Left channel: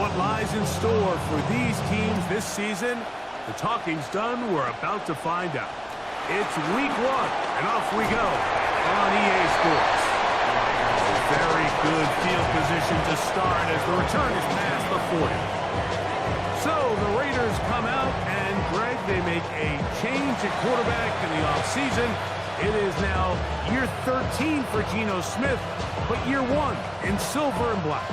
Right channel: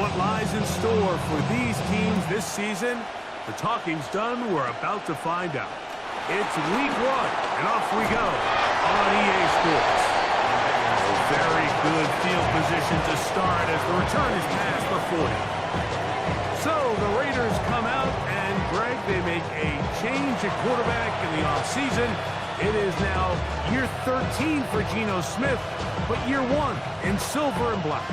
what lies in store for these teams this season? The talking's done. We're about to find out. It's week 1, and off we go on EA Sports. Very good field position to start as the return is past the 40. So the Raiders come out, and Greg, they make a change at quarterback in the offseason. It is now year 13 for Geno Smith, but year 1 in silver and black.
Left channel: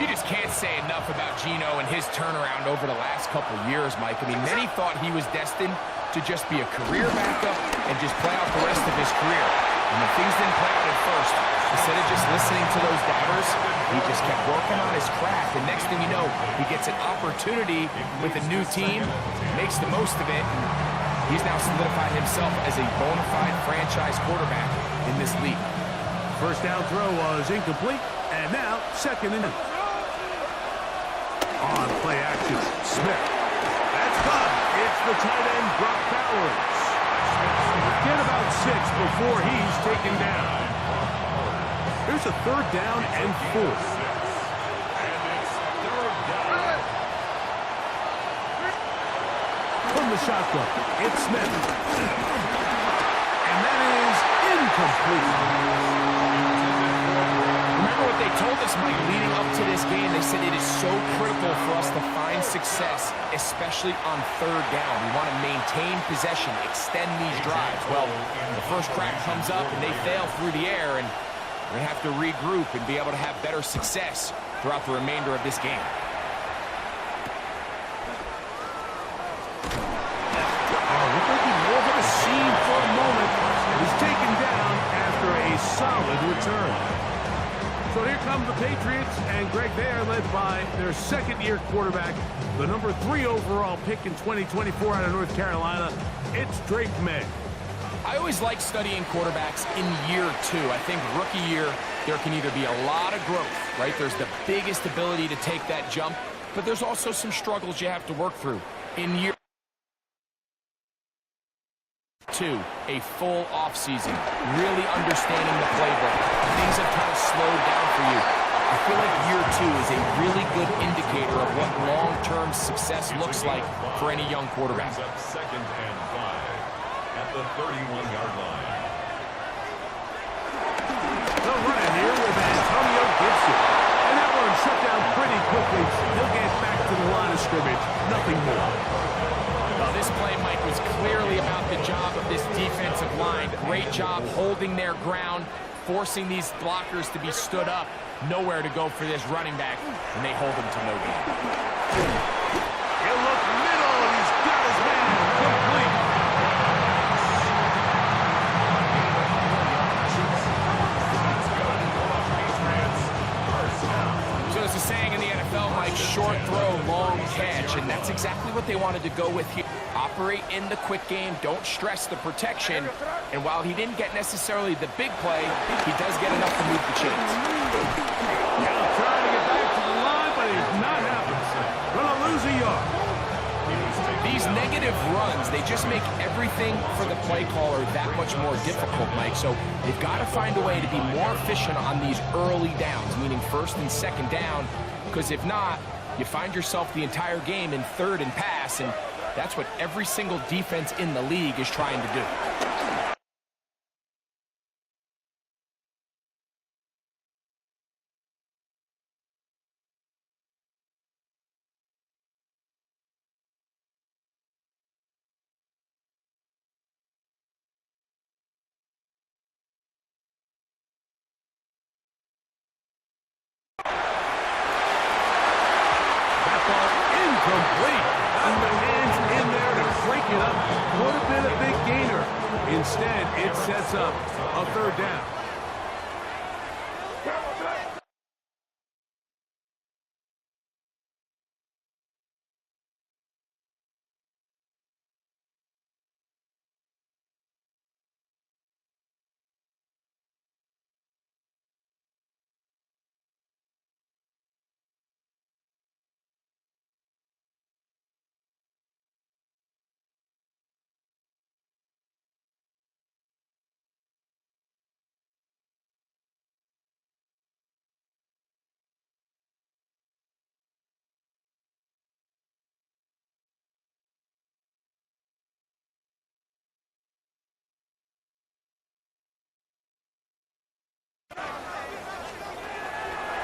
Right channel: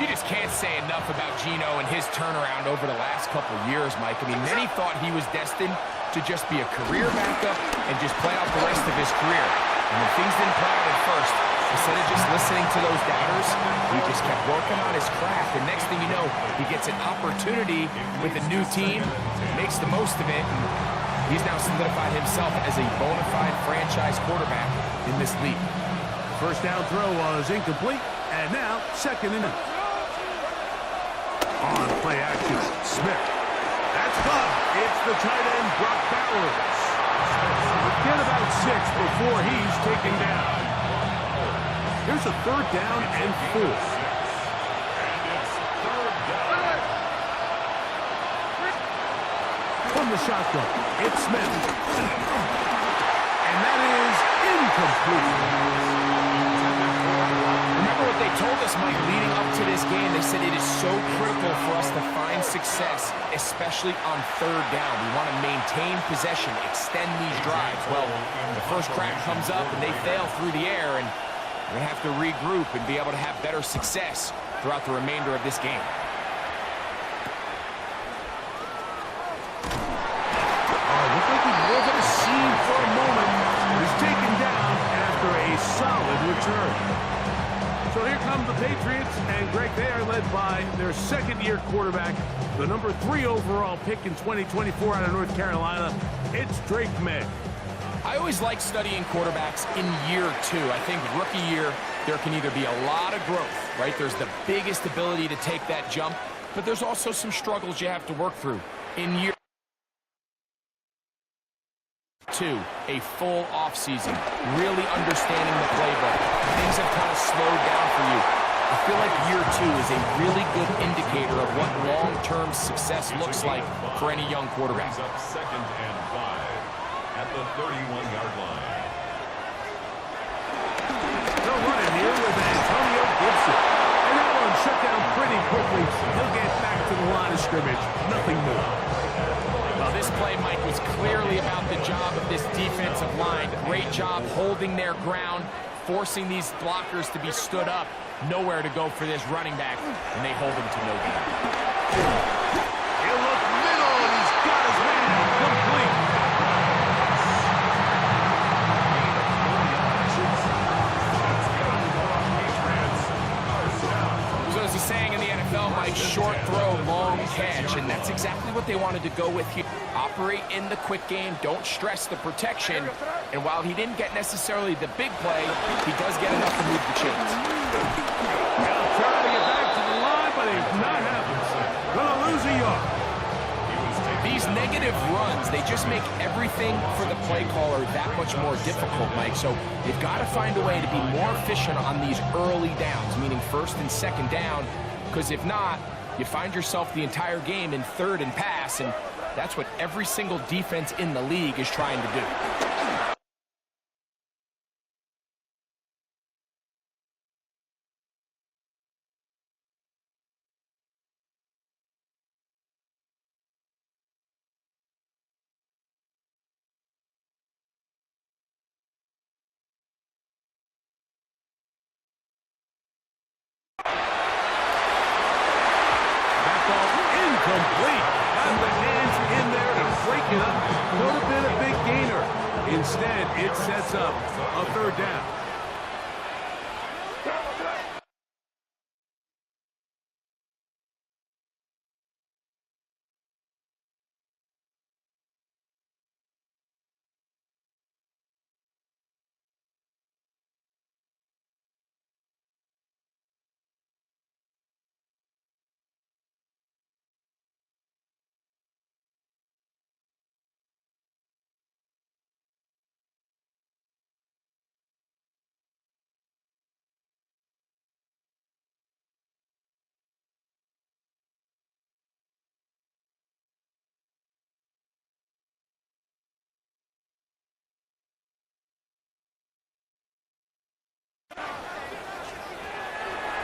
You just can't say enough about Geno and his turnaround over the last couple years, Mike. I mean, many thought he was destined to just be a career backup and just play out the rest of his career. And when things didn't play out at first, instead of just listening to those doubters, he just kept working on his craft. And next thing you know, he gets an opportunity with a new team, makes the most of it, and he's now solidified himself as a bona fide franchise quarterback in this league. First down throw was incomplete, and now second and on play action, Smith. That's caught. It's the tight end, Brock Bowers. Get about 6 before he's taken down. Here's a third down and 4. From the shotgun, it's Smith. And that is incomplete. Remember what they told us, Mike, leading up to this game? They said it is so critical for us to find success, especially on third down. We want to maintain possession, extend these drives. Well, the first crack comes up and they fail through the air, and we're going to have to regroup and be able to have better success throughout the remainder of this game. Looked like he was at a scene for a moment. He was taken down after a solid return. So here come the Patriots, and Greg, they are led by their second-year quarterback, the number 3 overall pick in 2024 out of North Carolina. It's Drake Maye. I always like studying quarterbacks in year 2. I think rookie year, there can either be a lot of growth, right? There's the biggest ability to take that jump, but there's also some struggles you have to work through. In year 2, a full offseason, really understanding the playbook. Things have kind of slowed down for you. I feel like year 2 is a really good indicator of what long-term success looks like for any young quarterback. Up 2nd and 5 at the 31-yard line. They'll run in here with Antonio Gibson. And that one shut down pretty quickly. He'll get back to the line of scrimmage. Nothing more. Well, this play, Mike, was clearly about the job of this defensive line. Great job holding their ground, forcing these blockers to be stood up. Nowhere to go for this running back, and they hold him to no gain. He'll look middle, and he's got his man complete. So there's a saying in the NFL, Mike, short throw, long catch, and that's exactly what they wanted to go with here. Operate in the quick game, don't stress the protection, and while he didn't get necessarily the big play, he does get enough to move the chains. He'll try to get back to the line, but he's not happening. Gonna lose a yard. These negative runs, they just make everything for the play caller that much more difficult, Mike. So they've got to find a way to be more efficient on these early downs, meaning first and second down, because if not, you find yourself the entire game in third and pass, and that's what every single defense in the league is trying to do. Incomplete. Got the hands in there to break it up. Could have been a big gainer. Instead, it sets up a third down.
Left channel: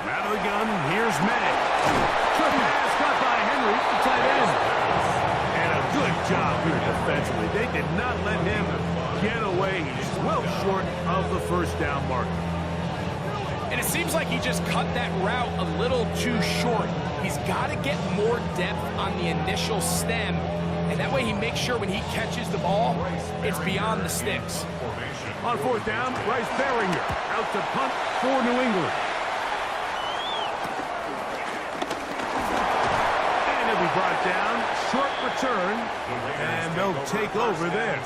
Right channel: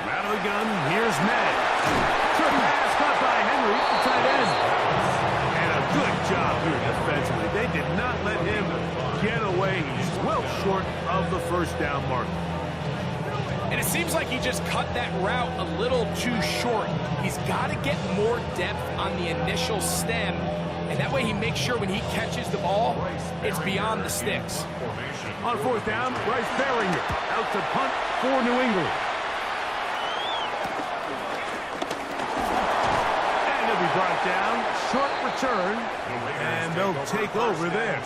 Out of the gun, here's May. Good pass caught by Henry, the tight end. And a good job here defensively. They did not let him get away. He's well short of the first down marker. And it seems like he just cut that route a little too short. He's got to get more depth on the initial stem, and that way he makes sure when he catches the ball, it's beyond the sticks. On fourth down, Bryce Baringer out to punt for New England. And he'll be brought down. Short return, and they'll take over there.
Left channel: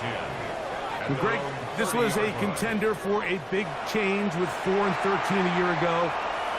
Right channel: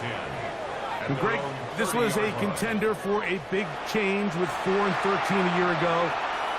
And Greg, this was a contender for a big change with 4-13 a year ago.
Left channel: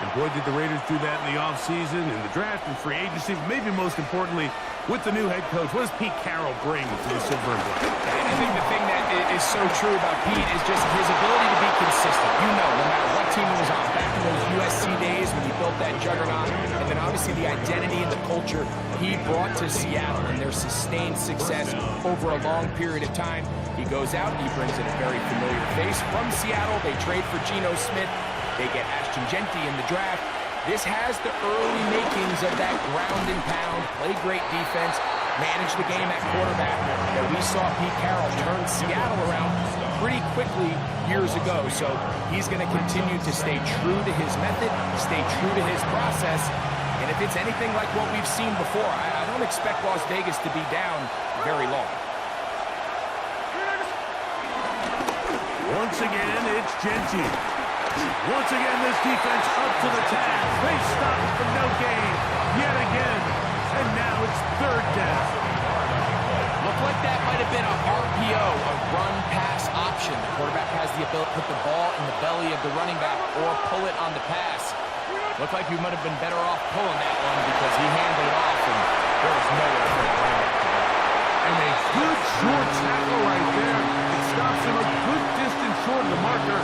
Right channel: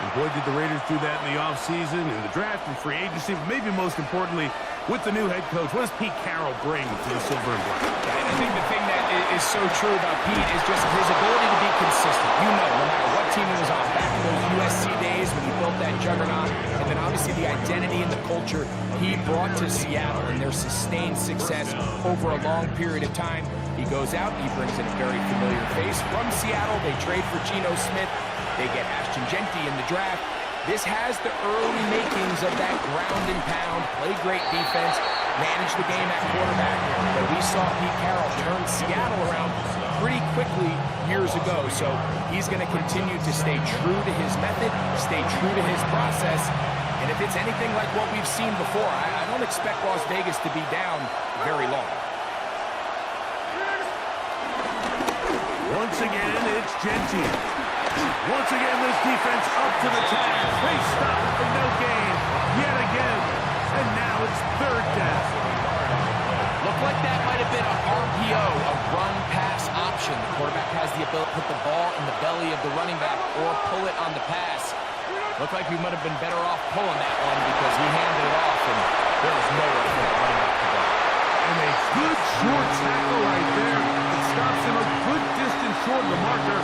And boy, did the Raiders do that in the offseason, in the draft, and free agency. But maybe most importantly, with the new head coach, what does Pete Carroll bring to the Silver and Black? I think the thing that is so true about Pete is just his ability to be consistent. You know, no matter what team he was on, back in those USC days when he built that juggernaut, and then obviously the identity and the culture he brought to Seattle and their sustained success over a long period of time. He goes out, he brings in a very familiar face from Seattle. They trade for Geno Smith. They get Ashton Genty in the draft. This has the early makings of that ground and pound, play great defense, manage the game at quarterback that we saw Pete Carroll turn Seattle around pretty quickly years ago. So he's going to continue to stay true to his method, stay true to his process. And if it's anything like what we've seen before, I don't expect Las Vegas to be down very long. Once again, it's Genty. Once again, this defense up to the task. They stop it for no gain yet again. And now it's third down. Looked like that might have been a RPO, a run-pass option. The quarterback has the ability to put the ball in the belly of the running back or pull it on the pass. Looked like we might have been better off pulling that one because he handed it off, and there was nowhere for that running back to go. And a good short tackle right there. It stops him a good distance short of the marker.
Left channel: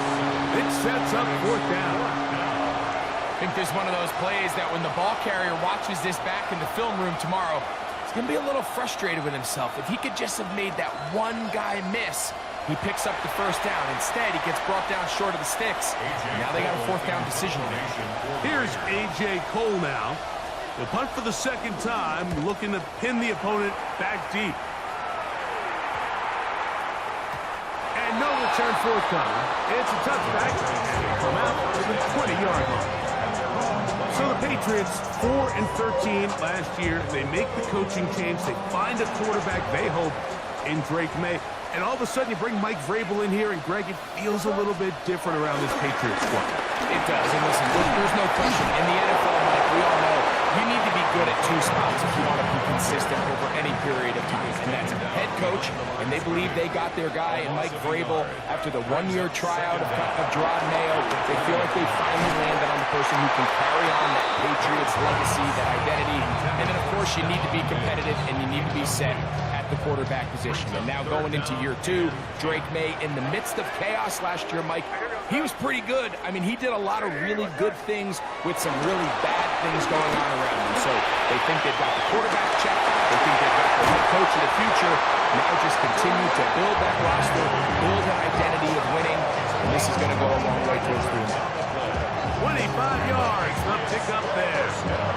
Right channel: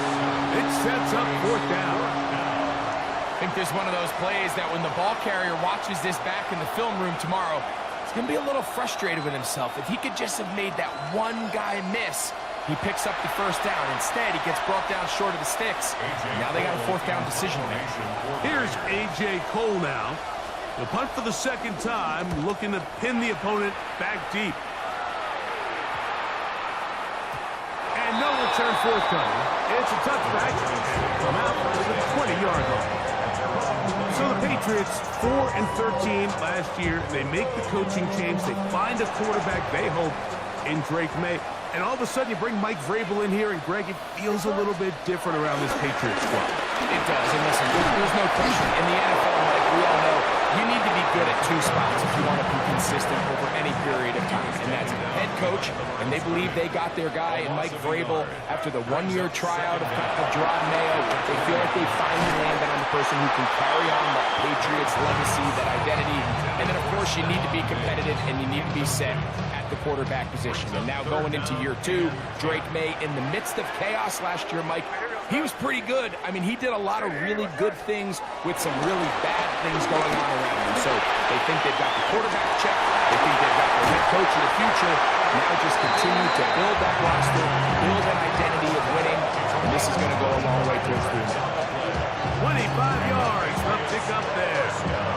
It sets up fourth down. I think there's one of those plays that when the ball carrier watches this back in the film room tomorrow, he's going to be a little frustrated with himself. If he could just have made that one guy miss, he picks up the first down. Instead, he gets brought down short of the sticks. Now they got a fourth down decision to make. Here's A.J. Cole now. The punt for the second time, looking to pin the opponent back deep. And no return forthcoming. It's a touchback, and they come out to the 20-yard line. So the Patriots, 4-13 last year. They make the coaching change. They find a quarterback, they hope, in Drake May. And all of a sudden, you bring Mike Vrabel in here, and Greg, it feels a little bit different around this Patriots squad. It does, and listen, there's no question. In the NFL, Mike, we all know you need to be good at two spots if you want to be consistent over any period of time, and that's head coach, and they believe they got their guy in Mike Vrabel after the one-year tryout of Gerard Mayo. They feel like they finally landed on the person who can carry on that Patriots legacy, that identity, and then, of course, you need to be competitive, and you need to be set at the quarterback position. And now going into year two, Drake May, in the midst of chaos last year, Mike, he was pretty good. I mean, he did a lot of really good things with some really bad things going on around him. So they think they've got the quarterback checked. They think they've got their head coach of the future. Now just continue to build that roster, build an identity of winning, and this is going to go a long way towards doing that. 25 yards, the pickup there.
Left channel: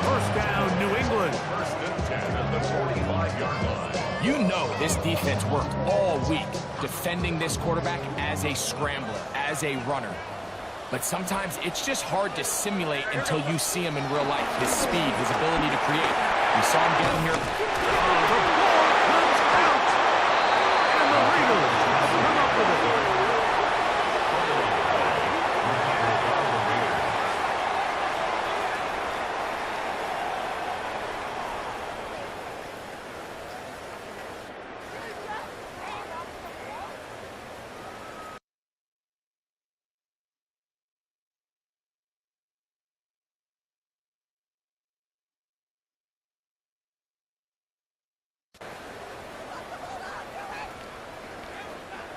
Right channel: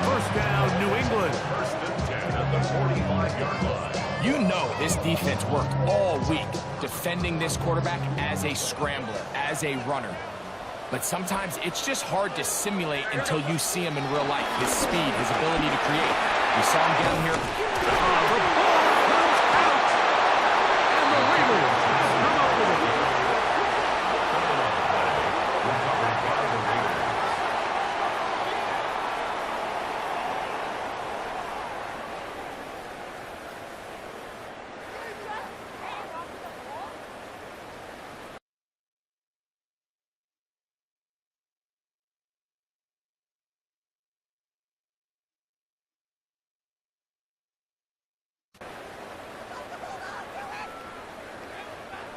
First down, New England. First and 10 at the 45-yard line. You know this defense worked all week defending this quarterback as a scrambler, as a runner. But sometimes it's just hard to simulate until you see him in real life. His speed, his ability to create. You saw him get him here. The ball comes out, and the Raiders come up with it.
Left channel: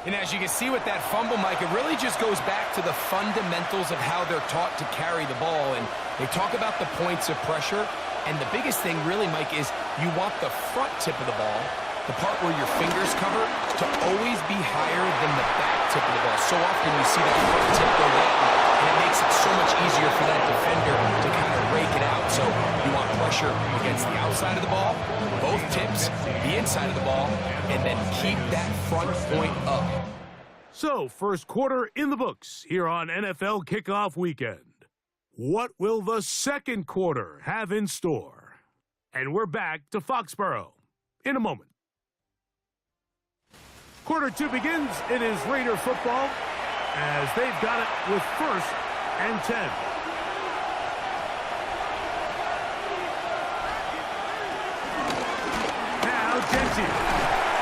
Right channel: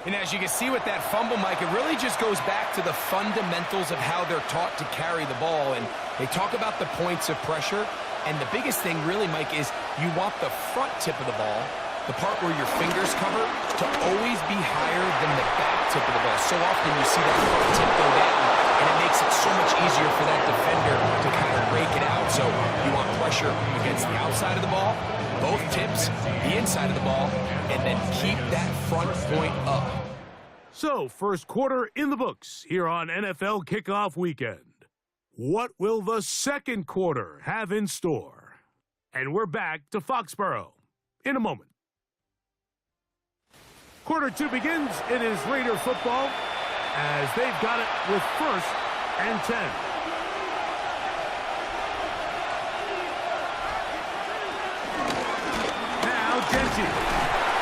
And as you can see with that fumble, Mike, it really just goes back to the fundamentals of how they're taught to carry the ball. And they talk about the points of pressure. And the biggest thing really, Mike, is you want the front tip of the ball, the part where your fingers cover, to always be higher than the back tip of the ball. So often you see that front tip go down and it makes it so much easier for that defender to kind of rake it out. So you want pressure against the outside of the ball, both tips, the inside of the ball, and then keep that front point up. So, first quarter in the books here on NFL Kickoff Weekend. What will the second quarter have in store? And we're back to Foxborough in a moment. Quarter two begins. It is Raider football as they've got it with 1st and 10. Now Genty.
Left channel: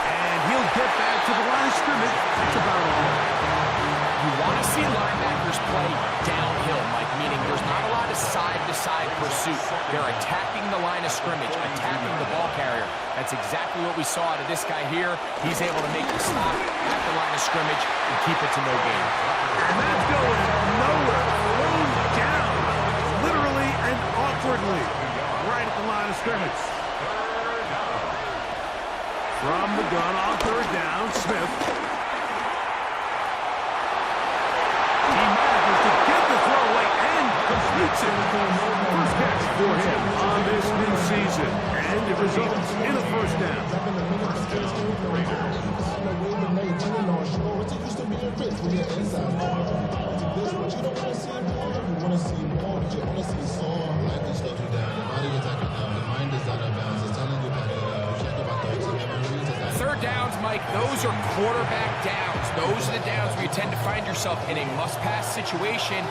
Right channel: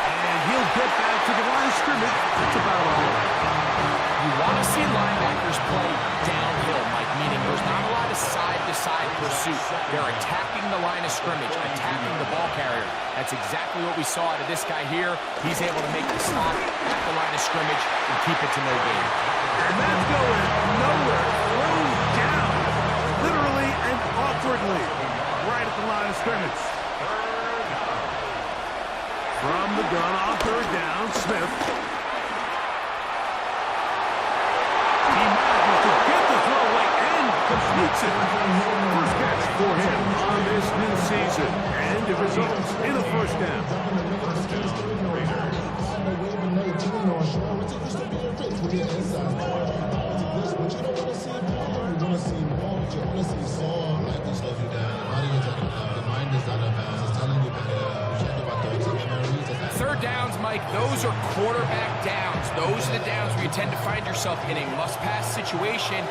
And he'll get back to the line of scrimmage. That's about all. You want to see linebackers play downhill, Mike, meaning there's not a lot of side-to-side pursuit. They're attacking the line of scrimmage, attacking the ball carrier. That's exactly what we saw out of this guy here. He's able to make the stop at the line of scrimmage and keep it to no gain. And that's going nowhere. Thrown down, literally and awkwardly, right at the line of scrimmage. From the gun on 3rd down, Smith. He manages to get the throw away and completes it. First catch for him on this new season. And it results in a 1st down. Third downs, Mike, those are quarterback downs. Those are the downs where you tend to find yourself in a must-pass situation,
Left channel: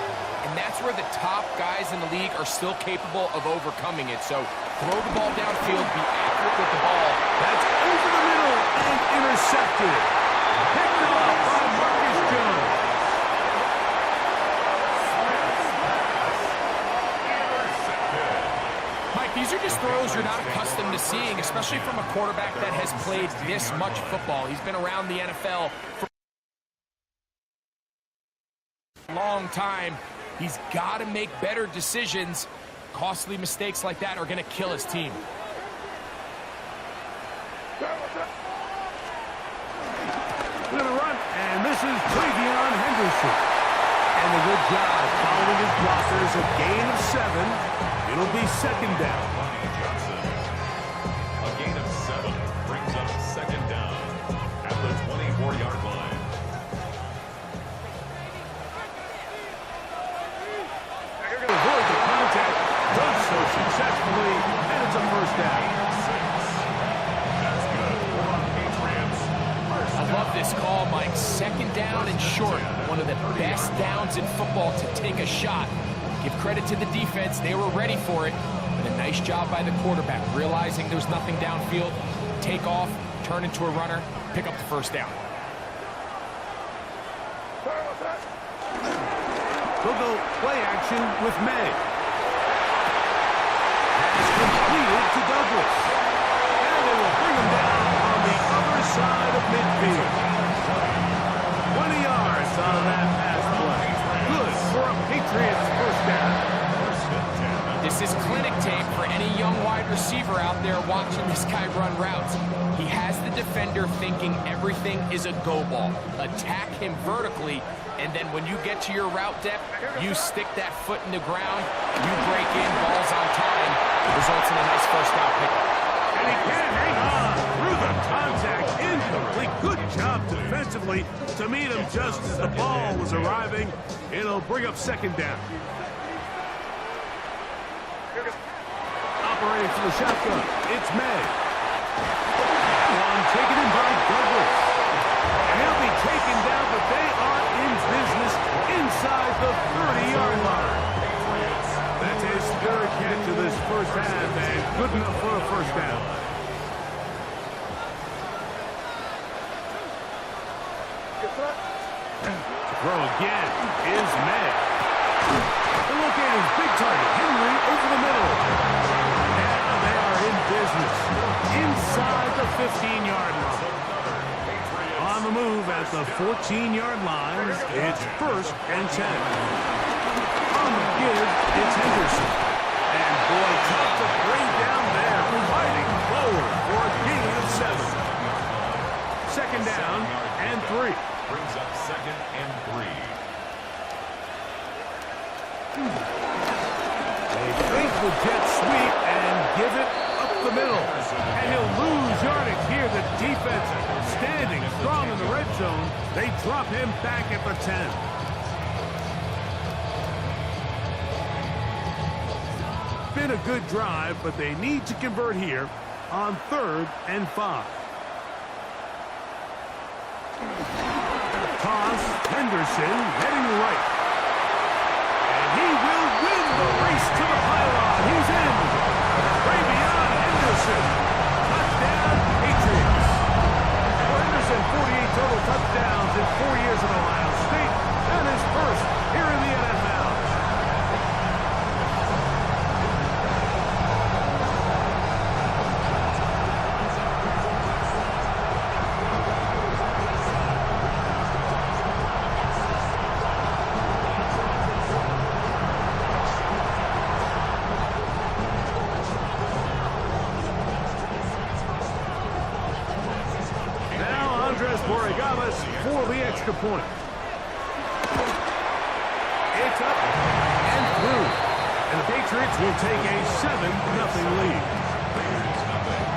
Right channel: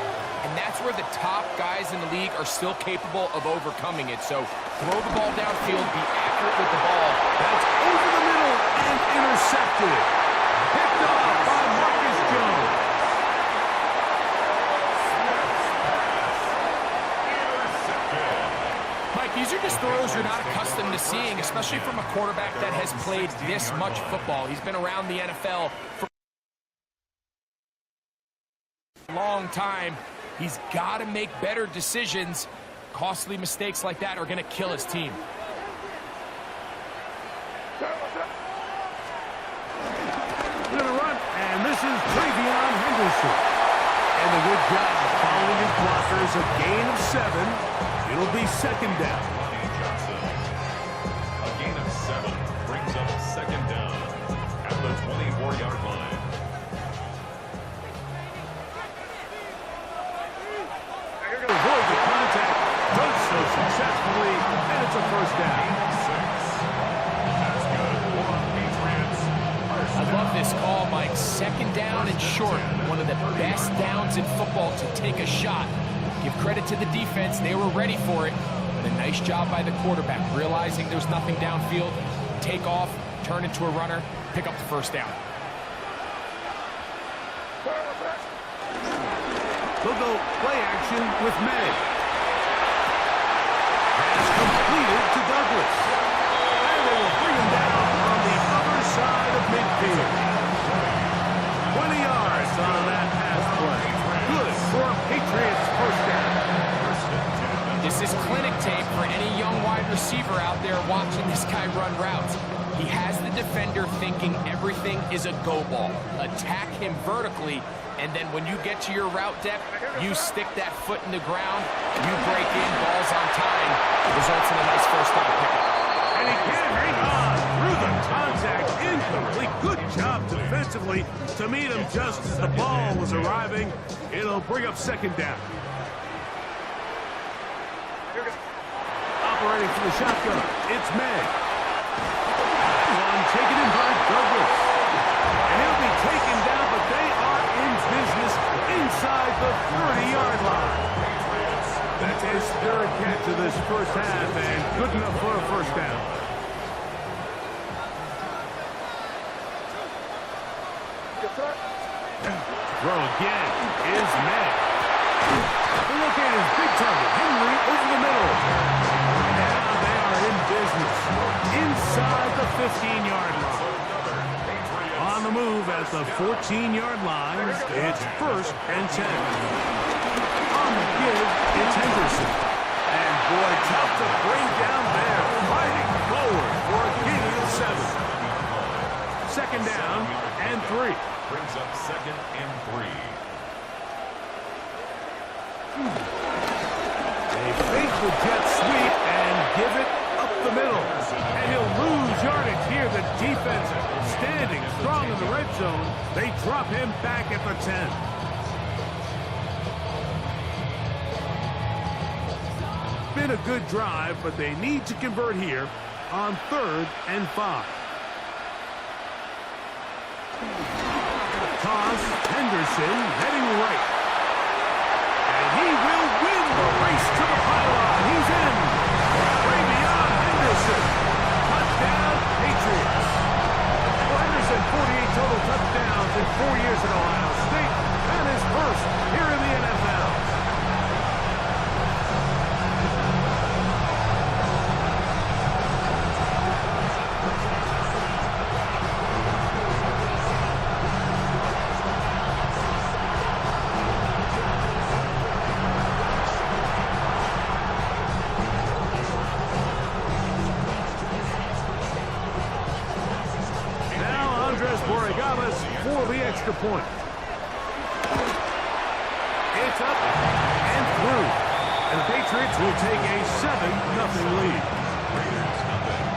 and that's where the top guys in the league are still capable of overcoming it. So throw the ball downfield, be accurate with the ball. That's over the middle and intercepted. Picked off by Marcus Jones. Mike, these are just throws you're not accustomed to seeing, especially from a quarterback that has played this much football. He's been around the NFL for a long time. He's got to make better decisions. Costly mistakes like that are going to kill his team. We're going to run, and this is Travion Henderson. And a good job following his blockers, a gain of 7. It'll be 2nd down. Lonnie Johnson. A gain of 7 brings up 2nd down at the 24-yard line. Avoid the contact, does so successfully, and it's a 1st down. 6. That's good for the Patriots. I love this call, Mike. 2nd down and short. One of the best downs in football to take a shot. Give credit to the defense. They were ready for it. But a nice job by the quarterback, realizing there's nothing downfield. Take off, turn into a runner, pick up the 1st down. They'll go play action with May. Pass completed to Douglas. And they will bring him down on the other side of midfield. 20 yards on that pass play. Good for a Patriots 1st down. This is clinic tape for any young wide receiver out there watching this guy run routes. He has the defender thinking everything is a go ball. Attack him vertically, and then when you get to your route depth, you stick that foot in the ground, you break in, balls on time. It results in a nice 1st down pickup. And he can't hang on through the contact. Incomplete. Good job defensively to meet him just as the ball was arriving. It'll bring up 2nd down. Operating for the shotgun, it's May. One taken in by Douglas. And he'll be taken down, but they are in business inside the 30-yard line. That's his 3rd catch of this 1st half, and good enough for a 1st down. Throw again is May. They locate his big target, Henry, over the middle. Now they are in business inside the 15-yard line. On the move at the 14-yard line, it's 1st and 10. On the give, it's Henderson. And boy, tough to bring down there, fighting forward for a gain of 7. 2nd down and 3. Brings up 2nd and 3. the jet sweep and give it up the middle. And he'll lose yardage here. The defense standing strong in the red zone. They drop him back at the 10. Been a good drive, but they need to convert here on 3rd and 5. Toss, Henderson heading right. And he will win the race to the pylon. He's in. Ravion Henderson. Touchdown, Patriots. Well, Henderson, 48 total touchdowns in 4 years at Ohio State. And his first here in the NFL. For the extra point. It's up and through. And the Patriots will take a 7-0 lead. Raiders nothing.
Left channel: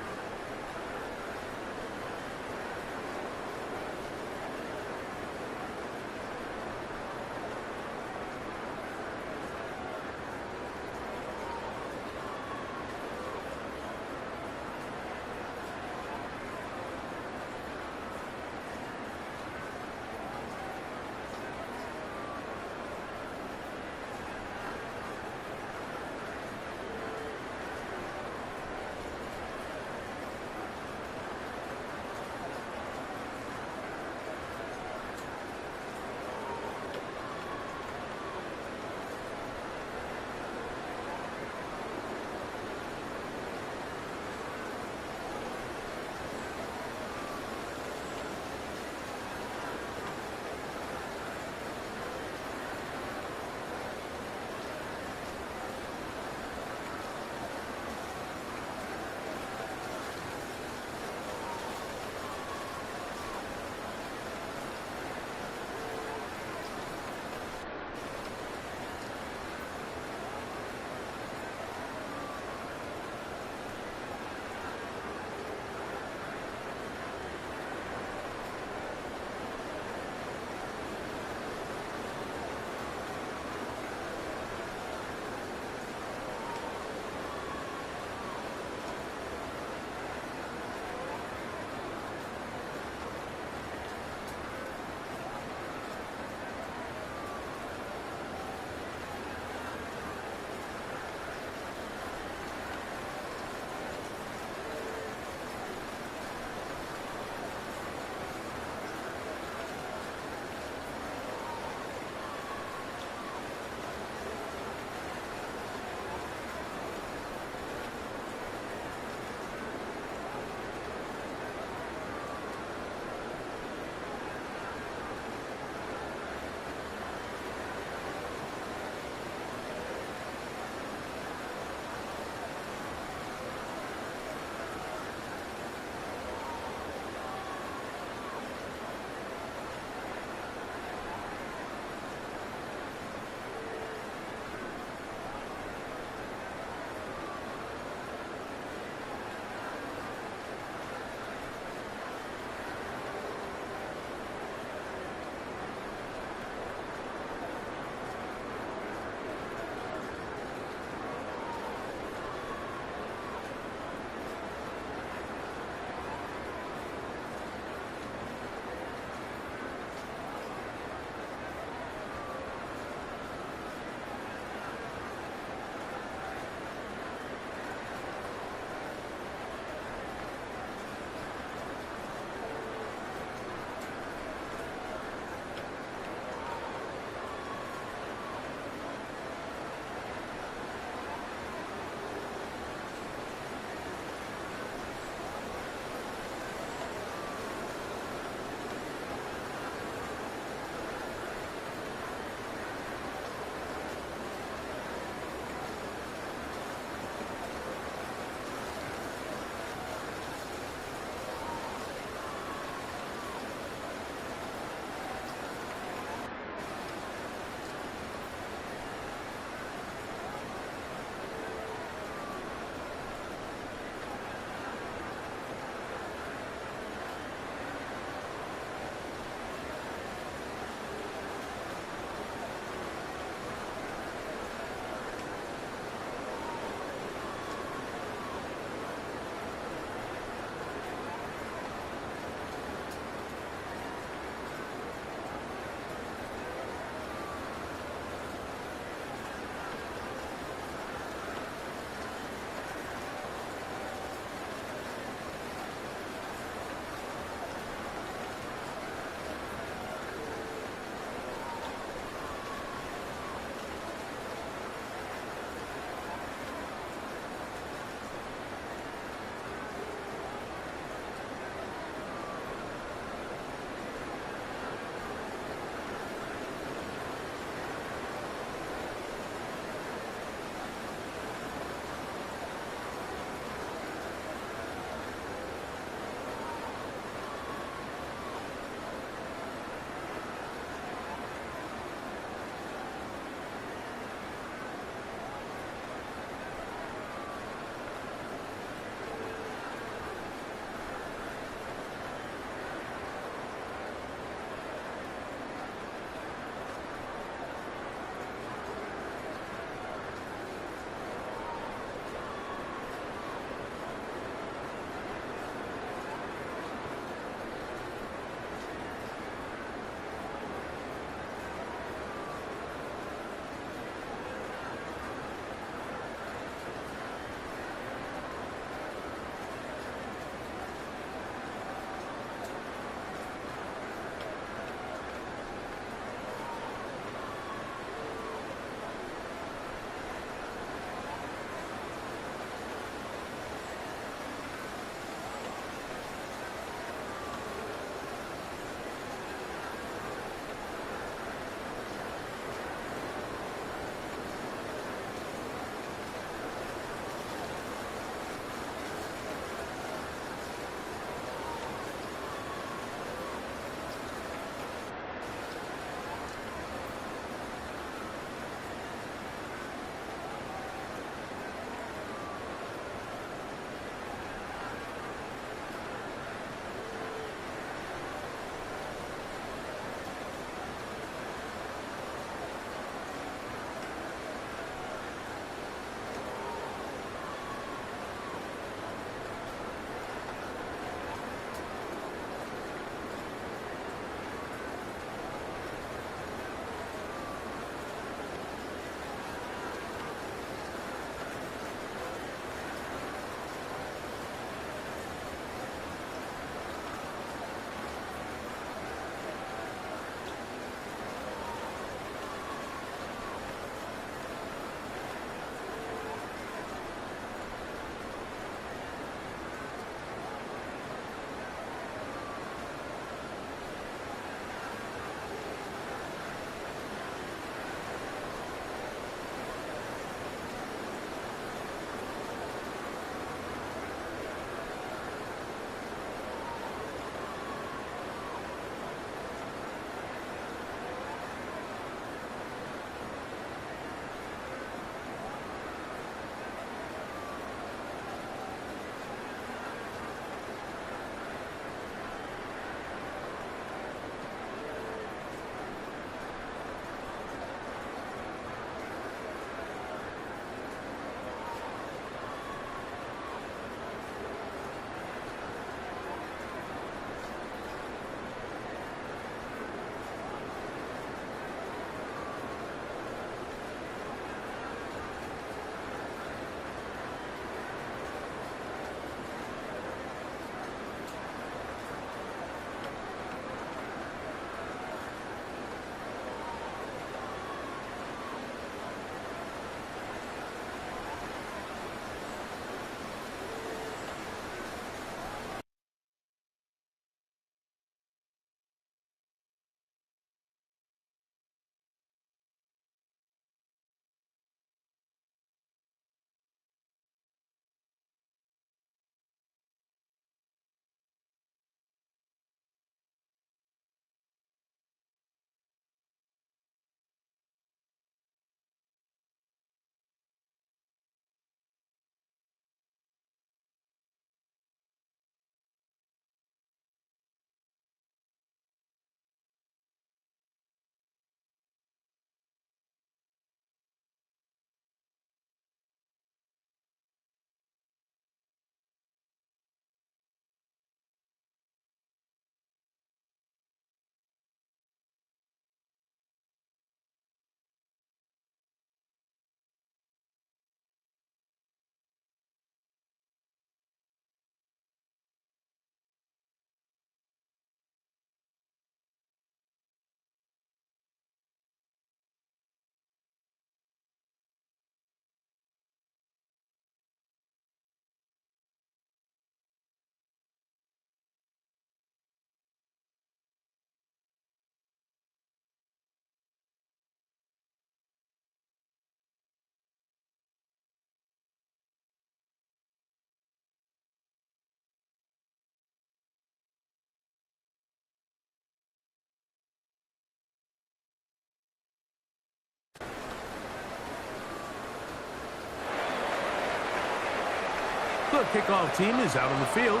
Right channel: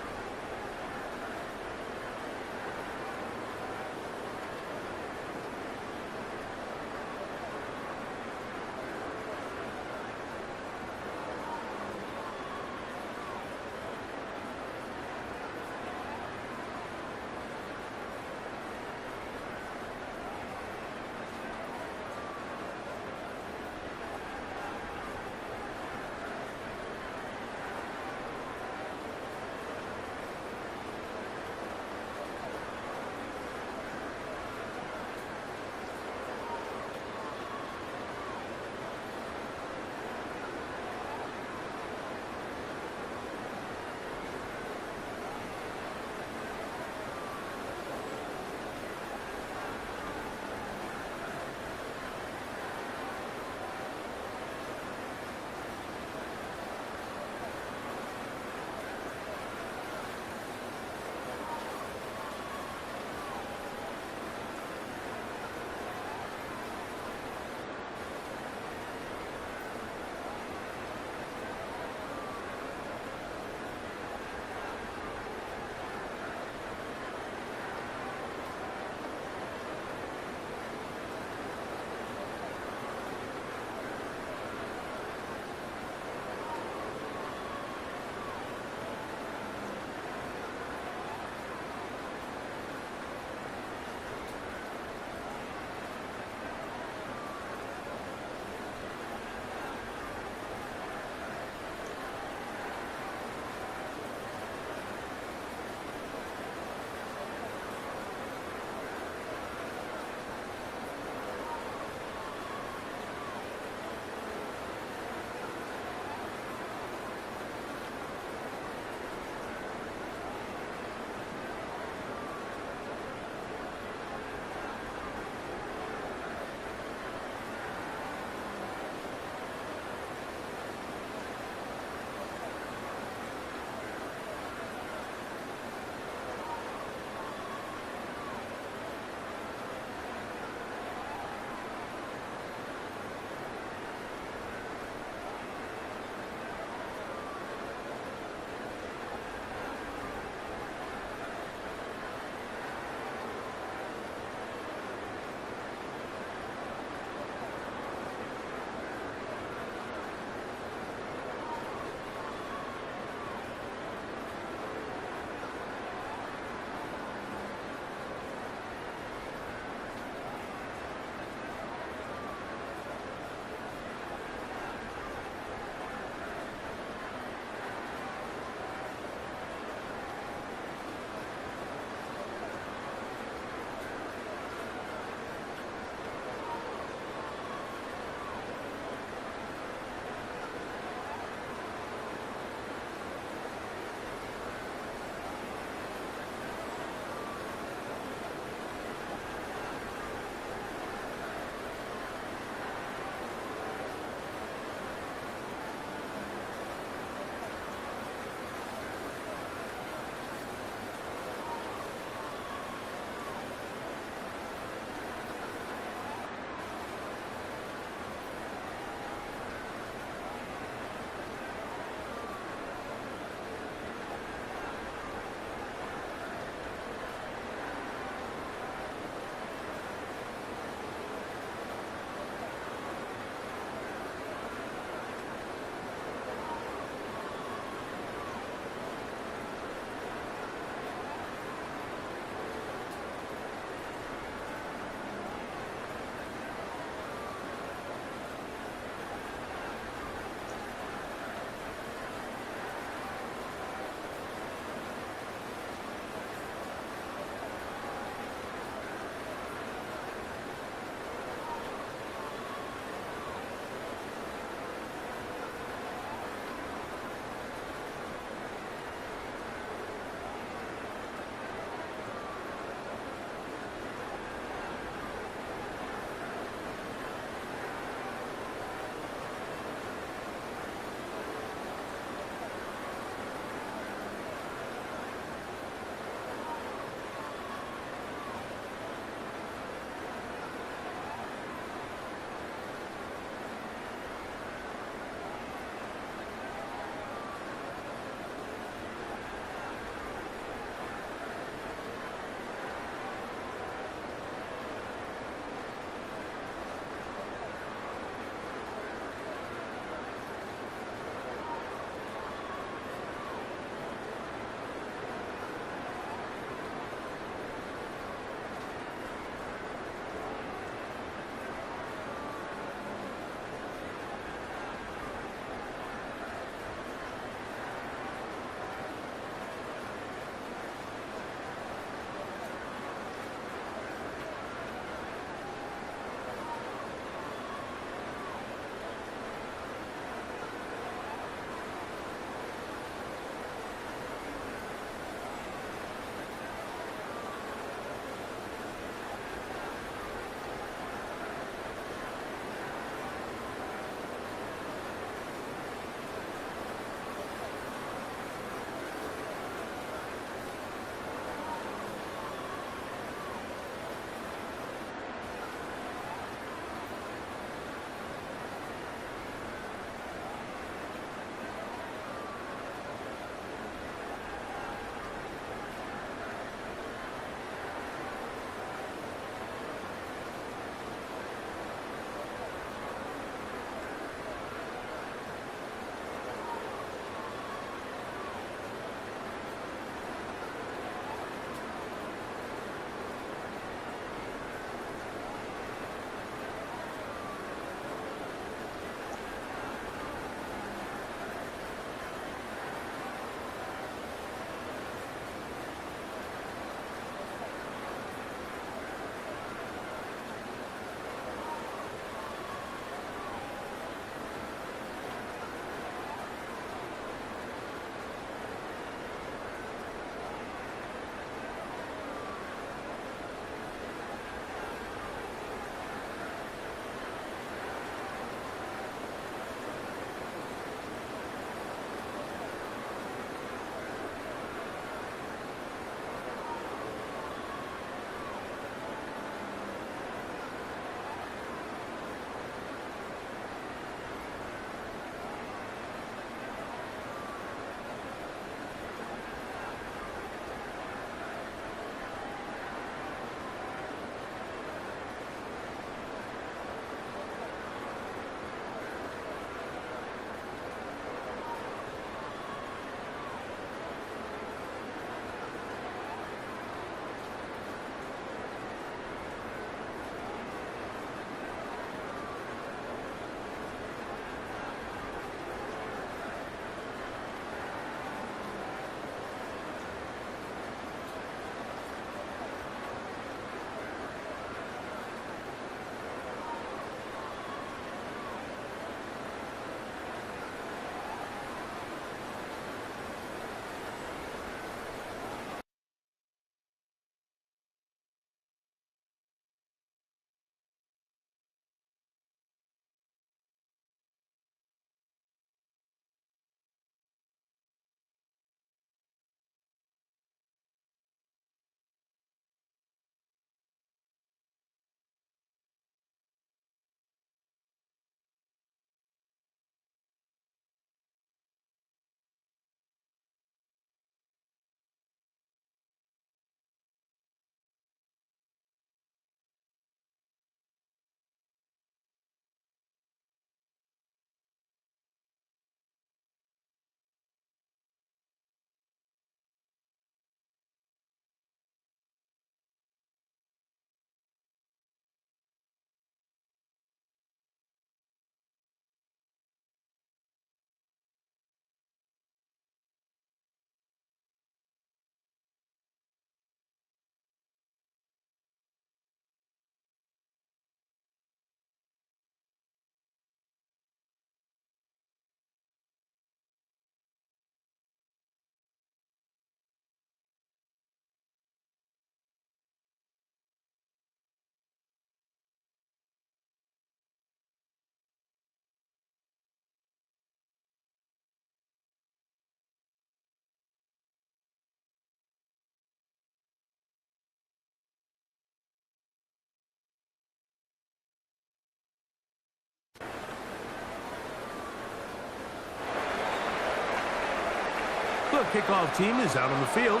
The kickoff team is out on the field,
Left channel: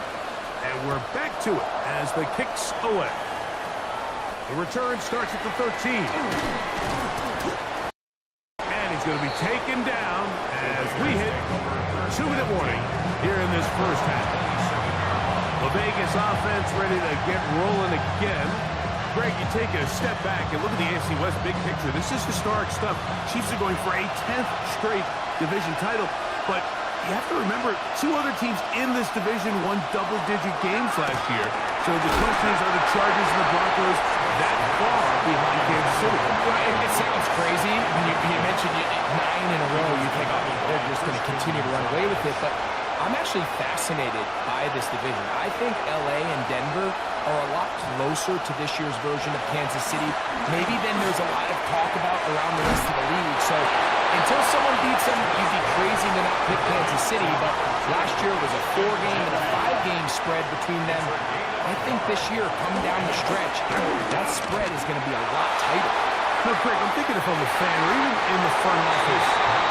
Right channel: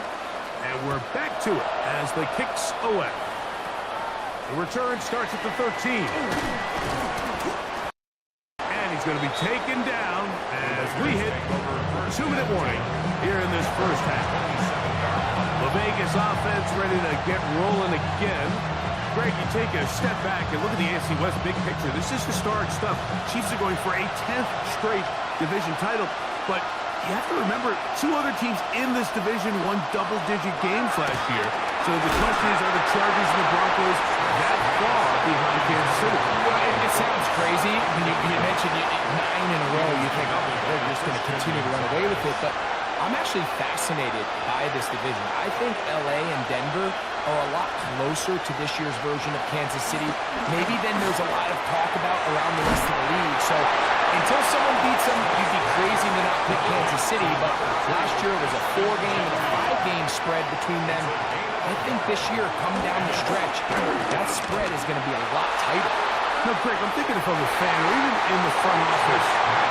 and we're back to it as the kicks away. The return starts at the 13. And he's going to be taken down as we hit 2-minute warning here in this first half. The Vegas offense ready to get rolling again. Greg, you take a step back and look at the AFC West big picture. This is historic stuff. Chiefs are going for a 10th straight division title, but you have to remember, 2 other teams in this division won double-digit games last year. So the question is, are the Chargers and the Broncos that far behind Kansas City? Well, it sounds crazy. When you mentioned 9 in a row, you think, oh, they're just going to continue to run away with it. But I'm actually fascinated by this division. I think L.A. and Denver are a lot closer to this year's version of Kansas City, maybe than there's a lot of talk about around the rest of the league. So until someone beats them, you'd be crazy to not pick Kansas City. But last year it was a 4-game and a 5-game spread between them. I think this year, coming down the stretch, that spread is going to be a lot tighter. No, Greg, I'm thinking if I'm a fan, or even in the front office,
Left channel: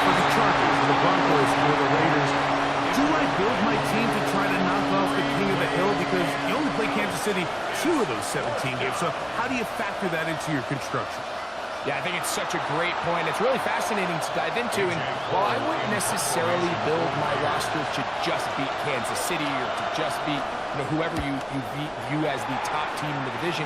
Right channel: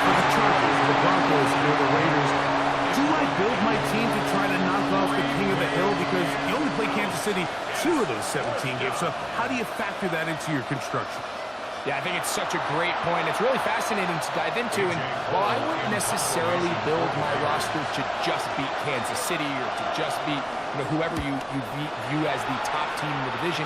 for the Chargers, the Broncos, or the Raiders, do I build my team to try to knock off the king of the hill? Because you only play Kansas City 2 of those 17 games. So how do you factor that into your construction? Yeah, I think it's such a great point. It's really fascinating to dive into. And while I wouldn't necessarily build my roster to just beat Kansas City or to just beat whoever you view as the top team in the division,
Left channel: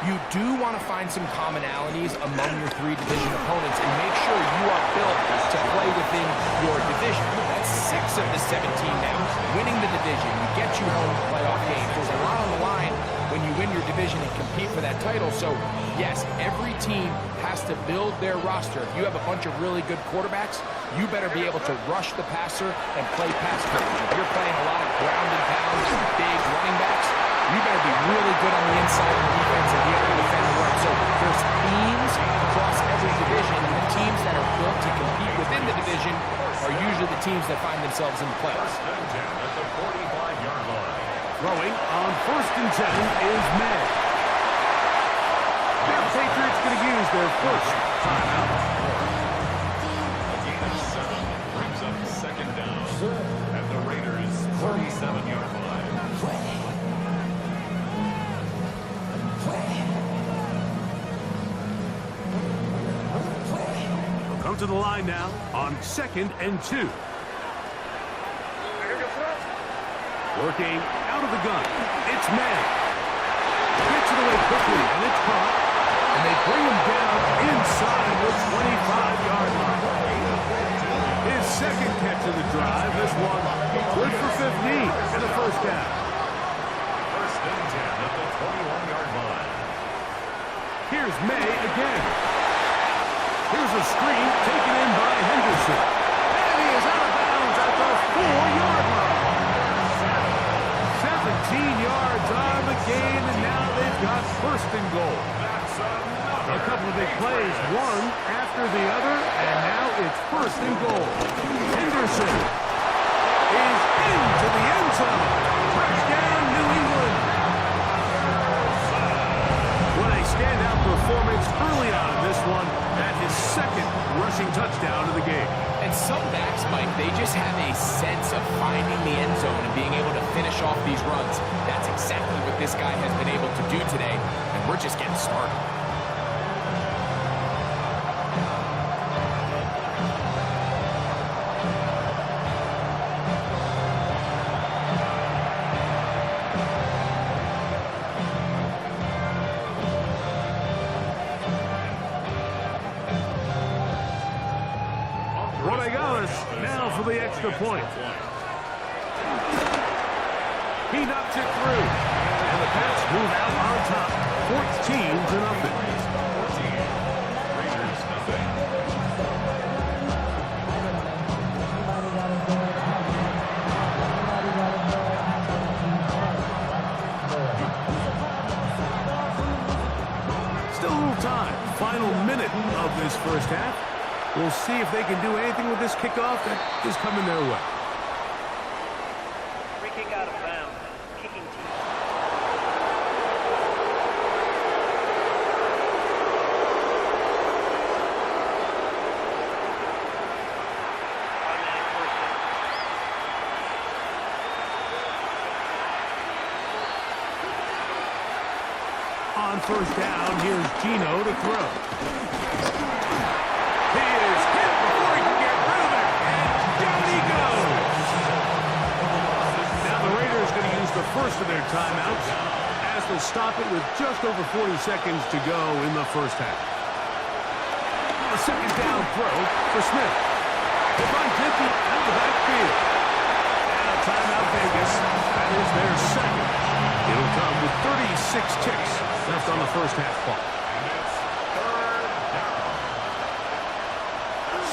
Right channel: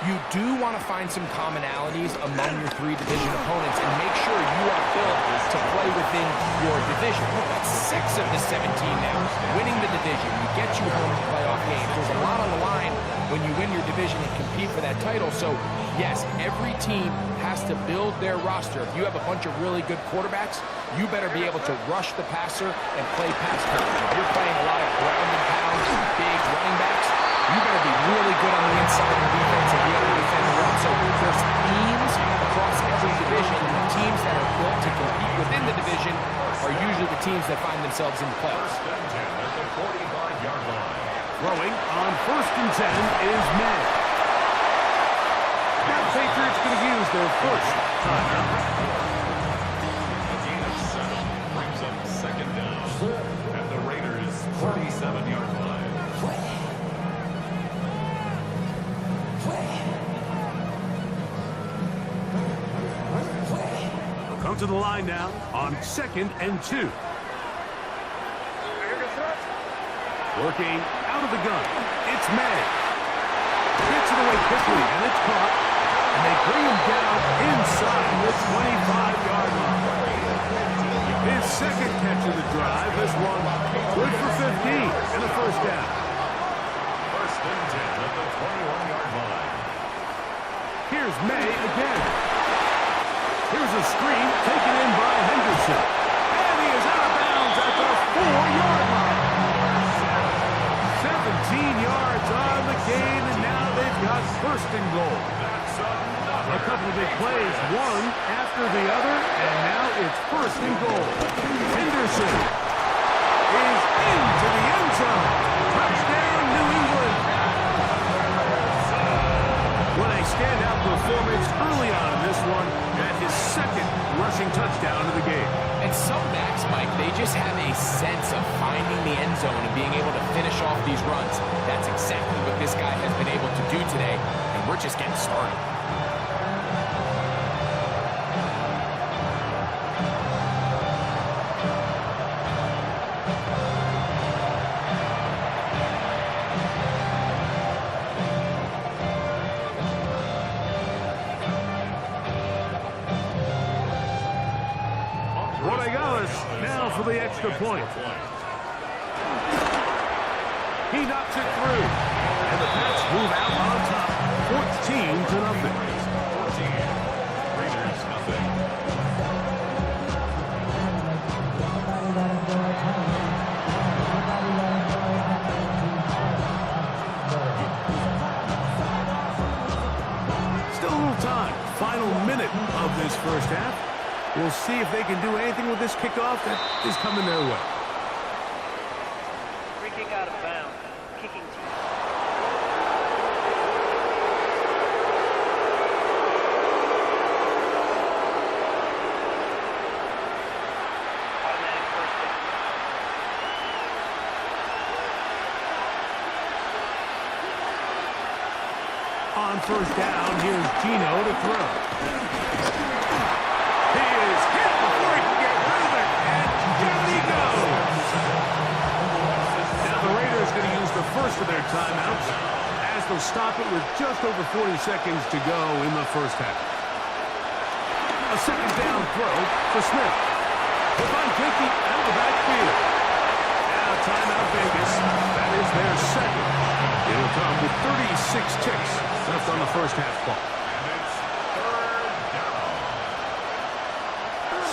you do want to find some commonalities among your 3 division opponents and make sure you are built to play within your division. That's 6 of the 17 now. Winning the division, you get you home to playoff games. There's a lot on the line when you win your division and compete for that title. So, yes, every team has to build their roster. If you have a bunch of really good quarterbacks, you better be able to rush the passer and play pass coverage. If you're playing a lot of ground and pound, big running backs, you better be really good on the inside of the defense and be able to defend the run. So there's themes across every division, and the teams that are built to compete within the division are usually the teams that find themselves in the playoffs. 1st and 10 at the 45-yard line. Throwing on 1st and 10 is May. Now the Patriots going to use their first timeout. A gain of 7 brings up 2nd down at the Raiders' 37-yard line. They'll come to the line now on 2nd and 2. Working out of the gun. It's May. Gets it away quickly, and it's caught. And they bring him down inside the 25-yard line. His 2nd catch of the drive. This one good for 15 and a 1st down. 1st and 10 at the 21-yard line. Here's May again. Here's a screen taken in by Henderson. And he is out of bounds at the 4-yard line. 17 yards on the gain, and now they've got 1st and goal. That's another. A couple of big plays, one after the other, and now it's 1st and goal. Henderson is into the end zone. Touchdown, New England. What a standout performance early on in this one. That his 2nd rushing touchdown of the game. And some backs, Mike, they just have a sense of finding the end zone and being able to finish off these runs. That's exactly what this guy has been able to do today, and we're just getting started. Now for the extra point. He knocks it through. And the Pats move out on top. 14-0. 14. Raiders nothing. Still a little time. Final minute of this first half. We'll see if they can do anything with this kickoff that is coming their way. Free kick out of bounds. Kicking team. Automatic 1st down. On first down, here's Geno to throw. He is hit before he can get rid of it, and down he goes. Now the Raiders going to use the first of their timeouts as they'll stop it with just over 40 seconds to go in the first half. A second down throw for Smith. They find 50 out of the backfield. Now timeout Vegas. That is their second. It'll come with 36 ticks left on the first half clock. And it's third down.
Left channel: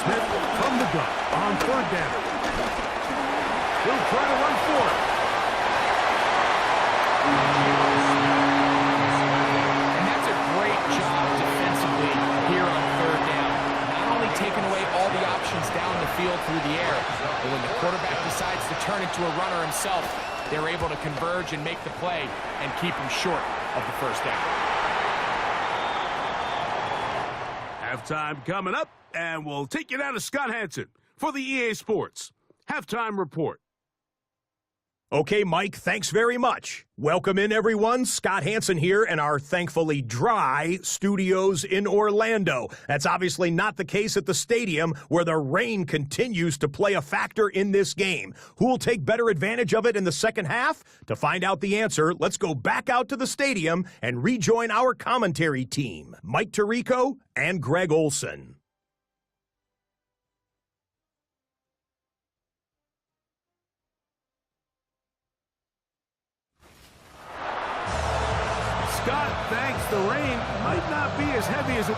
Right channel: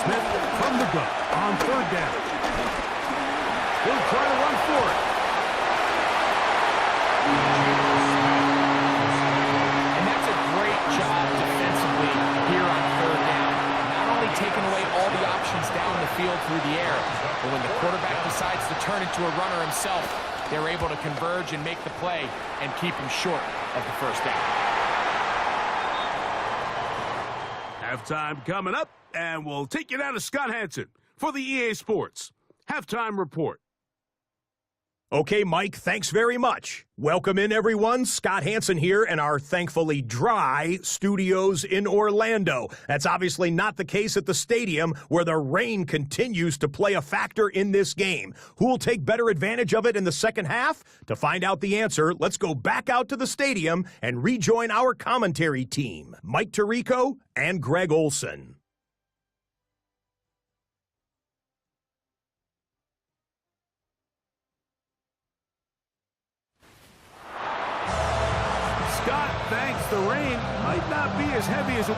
Smith from the gun on third down. He'll try to run for it. And that's a great job defensively here on third down. Not only taking away all the options down the field through the air, but when the quarterback decides to turn into a runner himself, they're able to converge and make the play and keep him short of the first down. Halftime coming up, and we'll take you down to Scott Hanson for the EA Sports Halftime Report. Okay, Mike, thanks very much. Welcome in, everyone. Scott Hanson here in our thankfully dry studios in Orlando. That's obviously not the case at the stadium, where the rain continues to play a factor in this game. Who will take better advantage of it in the second half? To find out the answer, let's go back out to the stadium and rejoin our commentary team, Mike Tirico and Greg Olson. Scott thanks the rain might not be as heavy as it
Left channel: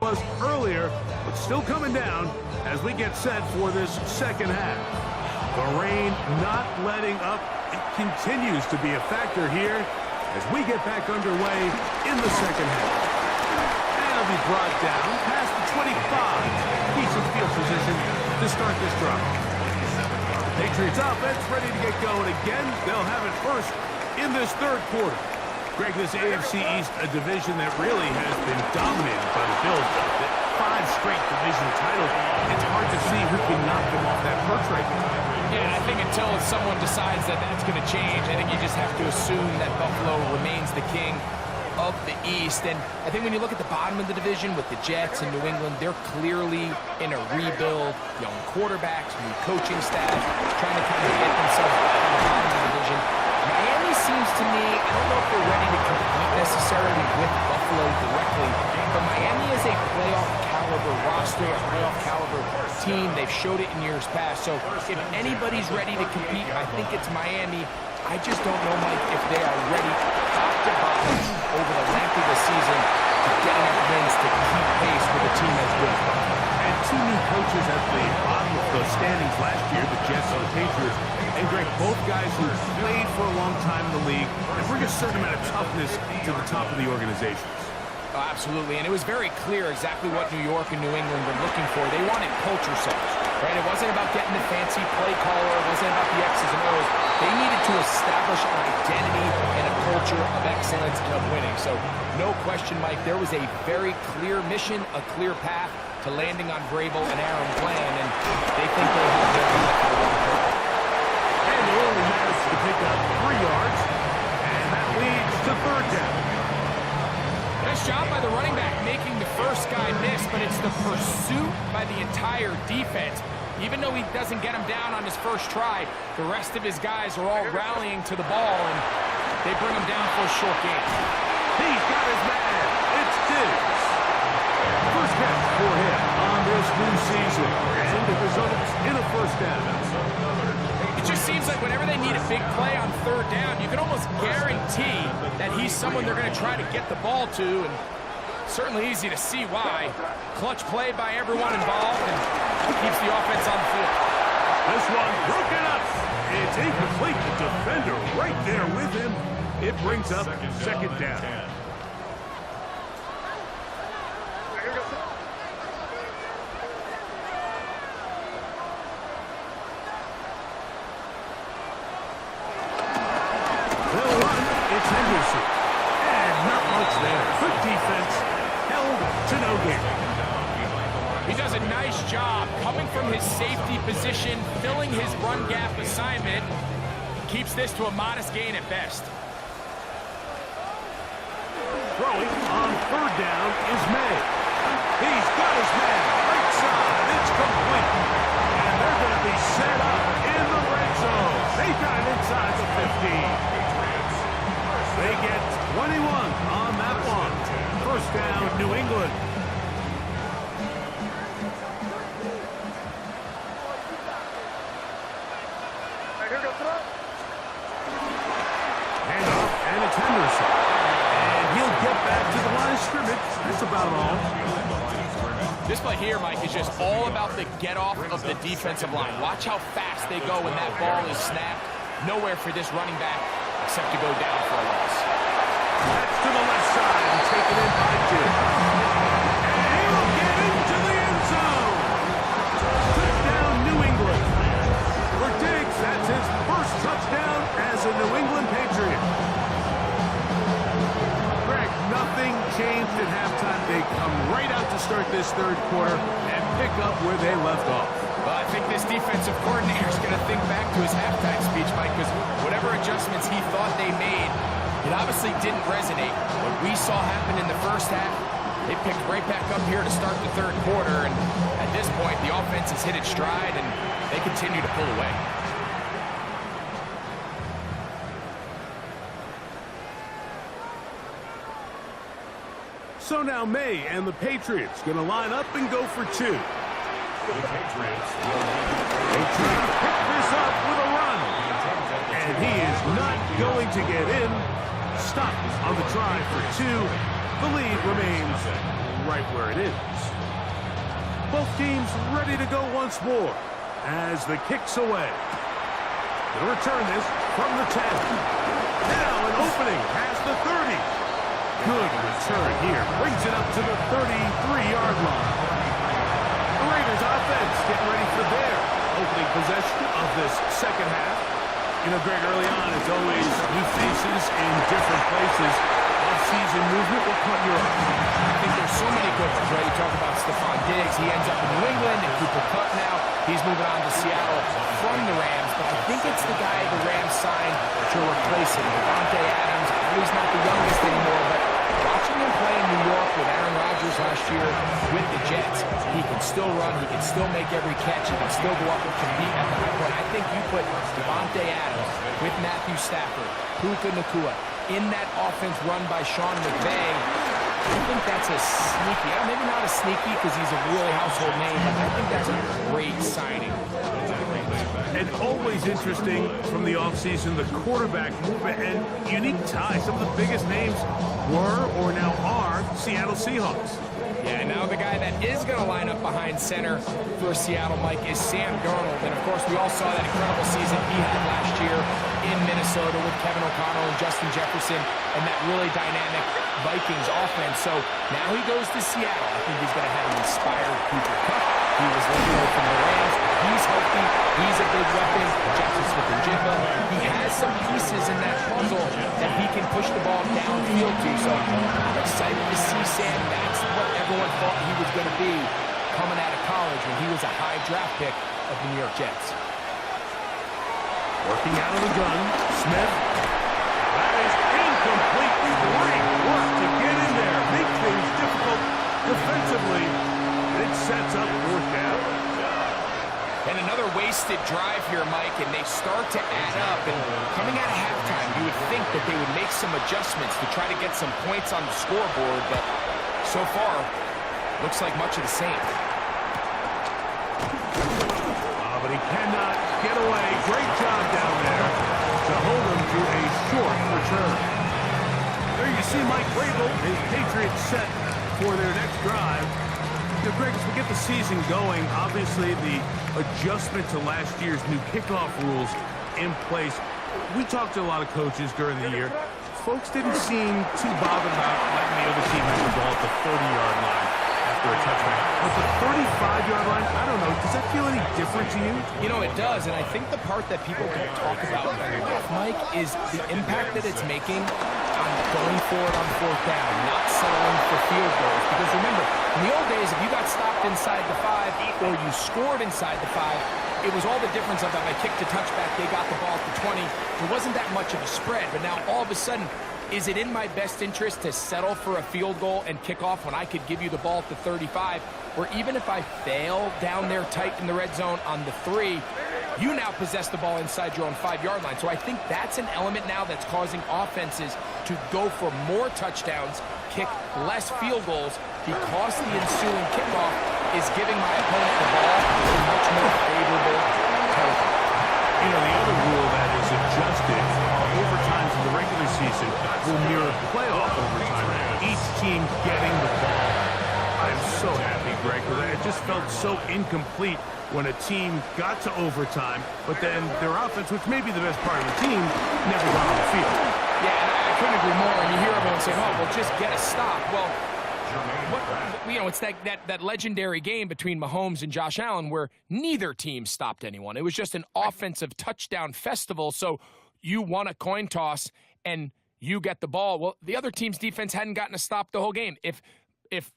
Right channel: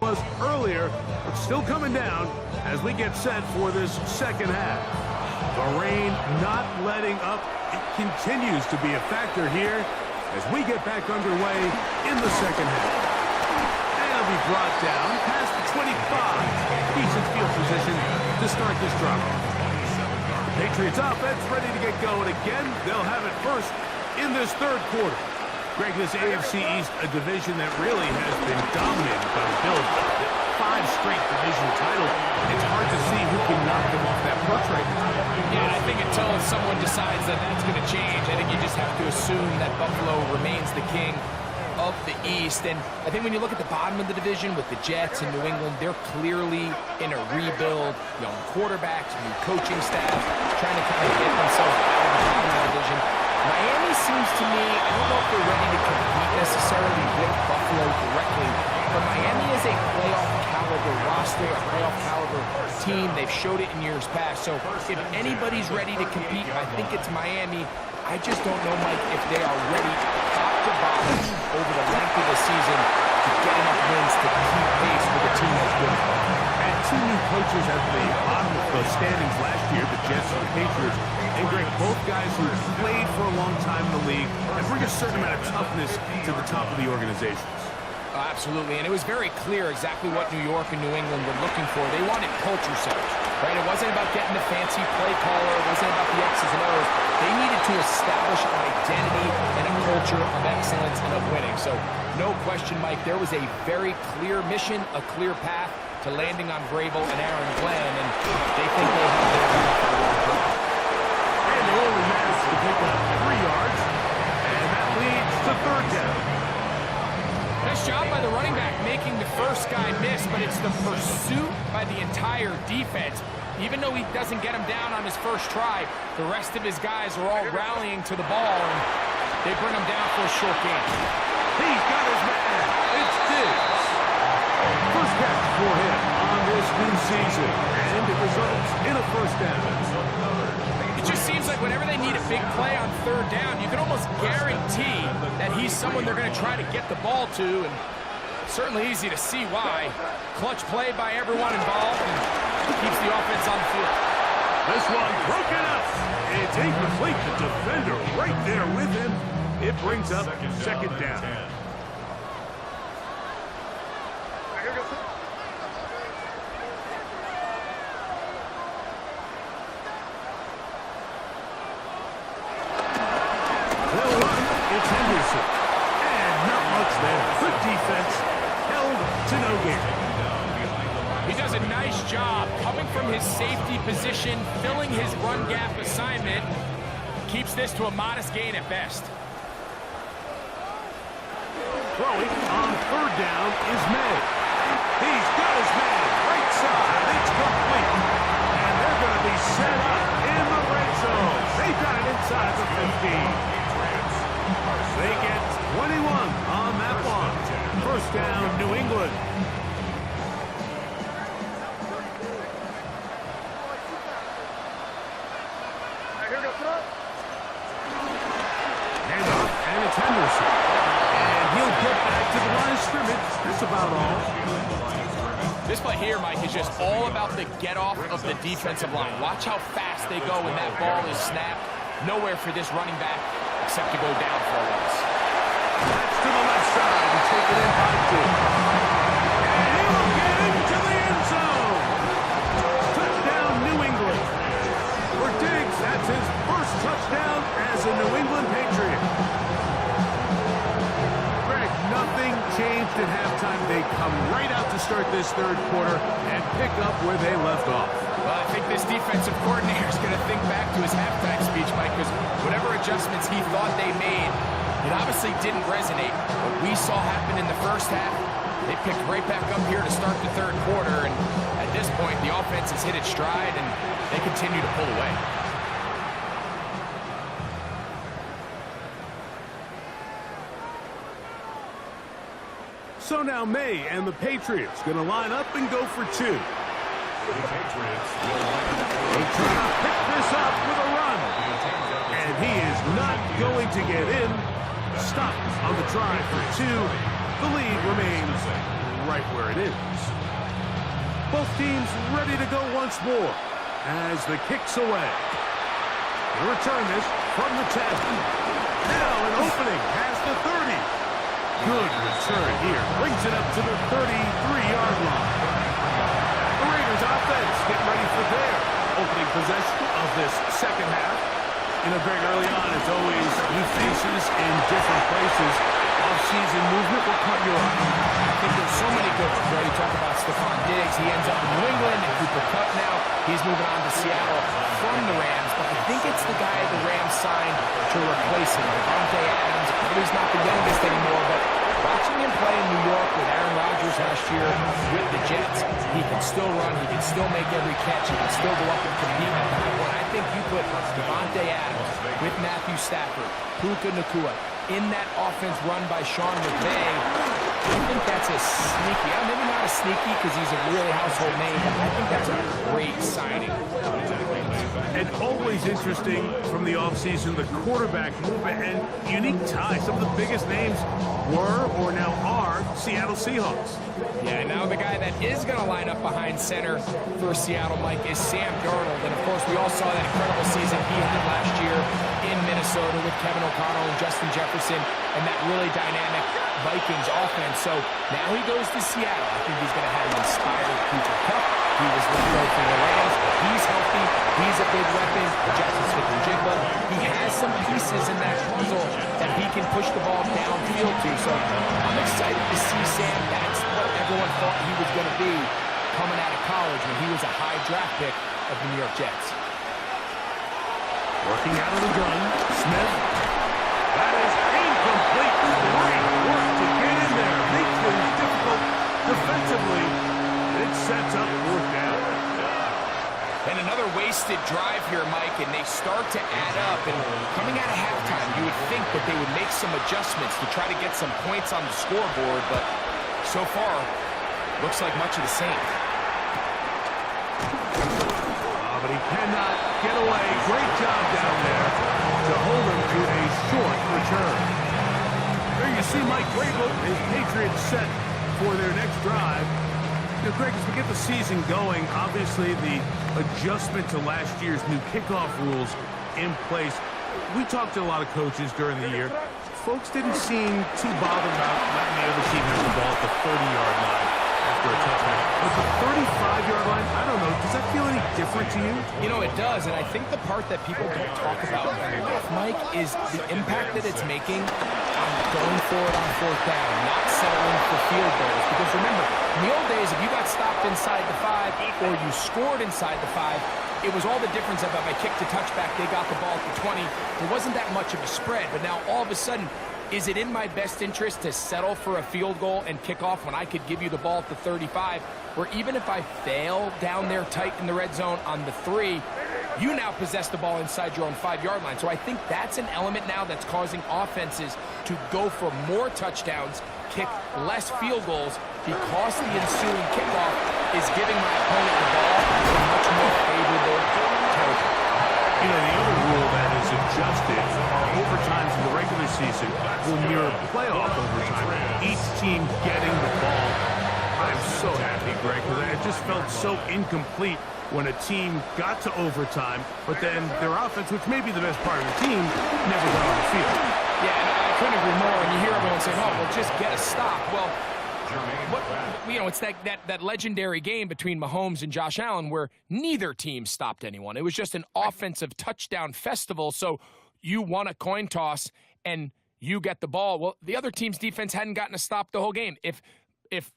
was earlier, but still coming down as we get set for this second half. The rain not letting up. It continues to be a factor here as we get back underway in the second half. And it'll be brought down past the 25. Decent field position to start this drive. Patriots offense ready to get going again. They'll have it first in this third quarter. Greg, this AFC East, a division that really has been dominated by the Bills. 5 straight division titles. It's hard to see who can knock them off that perch right now. Yeah, and I think until someone decides that that's going to change, I think you just have to assume that Buffalo remains the king of the East. And I think when you look at the bottom of the division with the Jets and New England, they're clearly in a rebuild. Young quarterbacks, new coaching staff, trying to kind of get themselves out of the bottom of the division. Miami seems to me, I don't know if they're ready to compete necessarily with Buffalo directly, but Miami is a playoff caliber roster, a playoff caliber team. They've showed it in years past. So if anybody's ready to compete, I think it's Miami. I just don't know, Mike, if they are ready top to bottom over the length of the season to get enough wins to keep pace with a team as good as Buffalo. And 2 new coaches at the bottom of the standings last year, the Jets and the Patriots. And Greg, both guys who played for a long time in the league and bring a certain amount of toughness to the top of the organizations. Oh, absolutely, and it was very clear exactly what New York and New England were looking for. They wanted culture setters, right? It wasn't about getting the fancy play caller. It wasn't about the X's and O's. They needed to establish an identity and a culture of excellence and of winning. So no question, Mike, there was a very clear mission, a clear path to landing on Vrabel and Aaron Glenn, and they think they have their guy for the long term. And they only managed to pick up 3 yards, and that leads to third down. Nice job by the running back making the first guy miss, but it's the pursuit by the entire defense. Even though he doesn't get him down on his first try, the rest of his guys are all rallying to the ball, and they bring him down for a short gain. He's got his man. It's Diggs. First catch for him on this new season, and it results in a first down. It just seems like whenever they need a big play on third down, you can almost guarantee that he's someone they're going to try to get the ball to, and certainly easy to see why. Clutch play by everyone involved, and keeps the offense on the field. This one broken up. It's incomplete. The defender right there with him. It brings up second down. They'll run. It's Henderson. And not much there. Good defense. Held to no gain. He does a nice job coming from his safety position, filling his run gap assignment. Keeps this to a modest gain at best. Throwing on third down is May. He's got his man right side. It's complete. And they're going to be set up in the red zone. They've got it inside the 15. They get 21 on that one. First down, New England. Hand off, and it's Henderson. And he'll get back to the line of scrimmage. That's about all. This play here, Mike, is just all about the get-off of the defensive line. Watch how fast they go when that ball is snapped. Nowhere for this running back except to go down for a loss. That's to the left side and taken in by Diggs. And he will get into the end zone. Touchdown, New England. For Diggs, that's his first touchdown as a New England Patriot. Greg, nothing changed at halftime. They come right out to start this third quarter and pick up where they left off. Well, I think this defensive coordinator is going to think back to his halftime speech, Mike, because whatever adjustments he thought they made, it obviously didn't resonate. What we saw happen in the first half, they picked right back up here to start the third quarter, and at this point, the offense has hit its stride, and they continue to pull away. So now May and the Patriots going to line up and go for 2. The Patriots will They try to pick this up with a run. And he is not going to get in. Stopped on the try for 2. The lead remains right where it is. Both teams ready to go once more as the kick's away. Gonna return this from the 10. Now an opening has the 30. Good return here. Brings it up to the 33-yard line. The Raiders offense getting ready for their opening possession of this second half. You know, Greg, early on, it's always new faces in different places. Off-season movement, what caught your eye? I think there's so many good ones, right? You talk about Stephon Diggs. He ends up in New England, and Cooper Kupp now. He's moving on to Seattle from the Rams, but I think it's the guy the Rams signed to replace him. Davante Adams, he's not the youngest anymore, but watching him play in New York with Aaron Rodgers last year with the Jets, he can still run, he can still make every catch, he can still go up and compete at the high point. I think you put Davante Adams with Matthew Stafford, Puka Nacua, in that offense run by Sean McVay. I think that's a sneaky, maybe not a sneaky because he's a really household name, but I think that's a great signing. And always interesting from the offseason, the quarterback movement and unique ties. Some of the biggest names were or now are Seattle Seahawks. Yeah, and now the guy that is going to line up behind center for Seattle, Mike, is Sam Darnold. And, of course, we all saw that incredible season he had last year in Minnesota with Kevin O'Connell and Justin Jefferson and that really dynamic Vikings offense. So now he goes to Seattle. I think he's going to have an inspired Cooper Kupp. He was let go from the Rams. He's healthy. He's a big weapon. Jackson Smith-Njigba. He has some pieces in that puzzle that he can push the ball downfield to. So I'm excited to see Sam. That's what everyone thought he was going to be coming out of college when he was a high draft pick of the New York Jets. Working out of the gun, Smith. That is incomplete. Great work to get in there. Make things difficult defensively. It sets up fourth down. And another wasted drive here, Mike, and they start to add up. And coming out of halftime, you would think that they would make some adjustments to try to get some points on the scoreboard, but so far, looks like much of the same. But he cannot get away. Great job down there to hold him to a short return. There you see Mike Vrabel, his Patriots set for their next drive. You know, Greg, as we get the season going, obviously the adjustment to last year's new kickoff rules in place. We talked to a lot of coaches during the year. Folks didn't seem too bothered about letting the other team have the ball at the 30-yard line after a touchback. But the 35-yard line, I don't know, does that feel any different to you? You know, it does, and I think the part that people don't talk about enough, Mike, is the impact that it's making on going forward on fourth down, not settling for field goals. Because remember, in the old days, if you got stopped inside the 5 or you scored inside the 5, it was all the difference of if I kicked a touchback, they got the ball at the 20. There wasn't that much of a spread, but now all of a sudden, is it in my best interest to settle for a field goal and kick off when I could give you the ball at the 35? Or even if I fail down there tight in the red zone on the 3, you now possess the ball inside your own 5-yard line. So I think that's an element now that's causing offenses to go for more touchdowns, kick less field goals, because the ensuing kickoff is giving my opponent the ball in much more favorable territory. You know, the other rule that is adjusted are overtimes in the regular season will mirror playoff overtime. Each team getting the ball. I'm so happy, Greg, because it just felt so incomplete when a team got to overtime, but then their offense, which may be the best part of the team, never got on the field. Yeah, and I couldn't agree more. And you hear everyone saying, oh, well, just get a stop. Well, it's that legendary game between Mahomes and Josh Allen where neither team stopped anyone. It was just an offensive touchdown festival. So you won a coin toss and you get the ball. Well, the other team's defense hadn't gotten a stop the whole game. If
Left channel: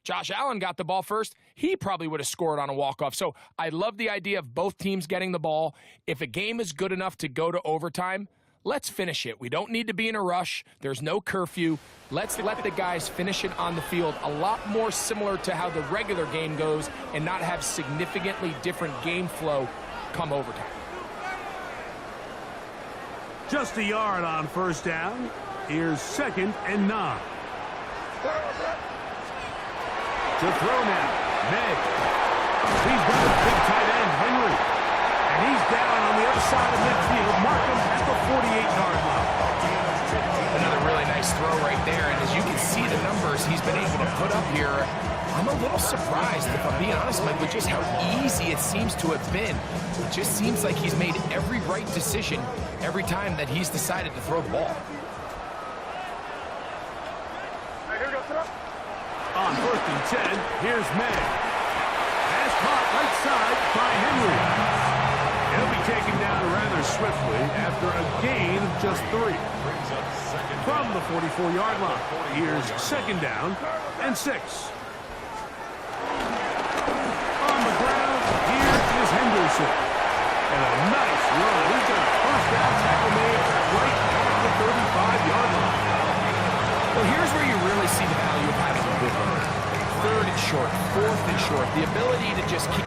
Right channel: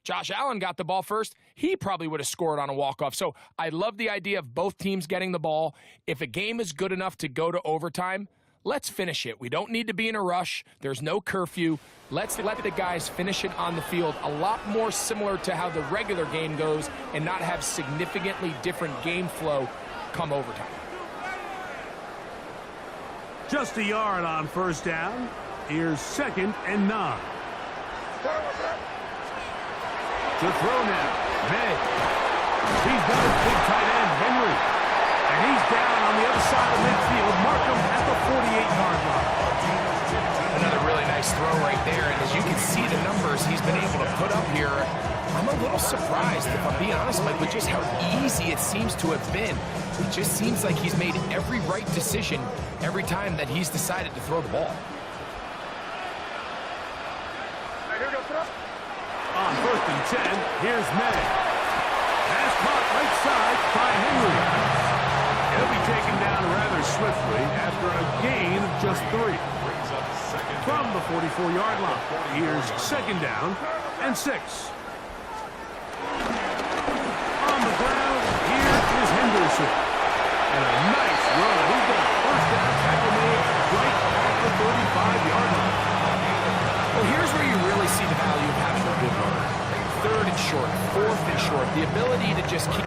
Josh Allen got the ball first, he probably would have scored on a walk-off. So I love the idea of both teams getting the ball. If a game is good enough to go to overtime, let's finish it. We don't need to be in a rush. There's no curfew. Let's let the guys finish it on the field. A lot more similar to how the regular game goes and not have significantly different game flow come overtime. Just a yard on first down. Here's 2nd and 9. To throw now, May. He's got his big tight end, Henry. And he's down on the other side of midfield. Markham at the 48-yard line. Another really nice throw right there, and as you can see the numbers he's been able to put up here, I'm a little surprised, if I'm being honest, Mike, with just how easy it seems to have been. It just seems like he's made every right decision every time that he's decided to throw the ball. On 1st and 10, here's May. Pass caught right side by Henry. He'll be taken down rather swiftly after a gain of just 3. From the 44-yard line, here's 2nd down and 6. On the ground, here is Henderson. And a nice run. He's got a 1st down tackle made right at the 35-yard line. Well, here's where you really see the value of having a good runner. 3rd and short, 4th and short, the ability to just keep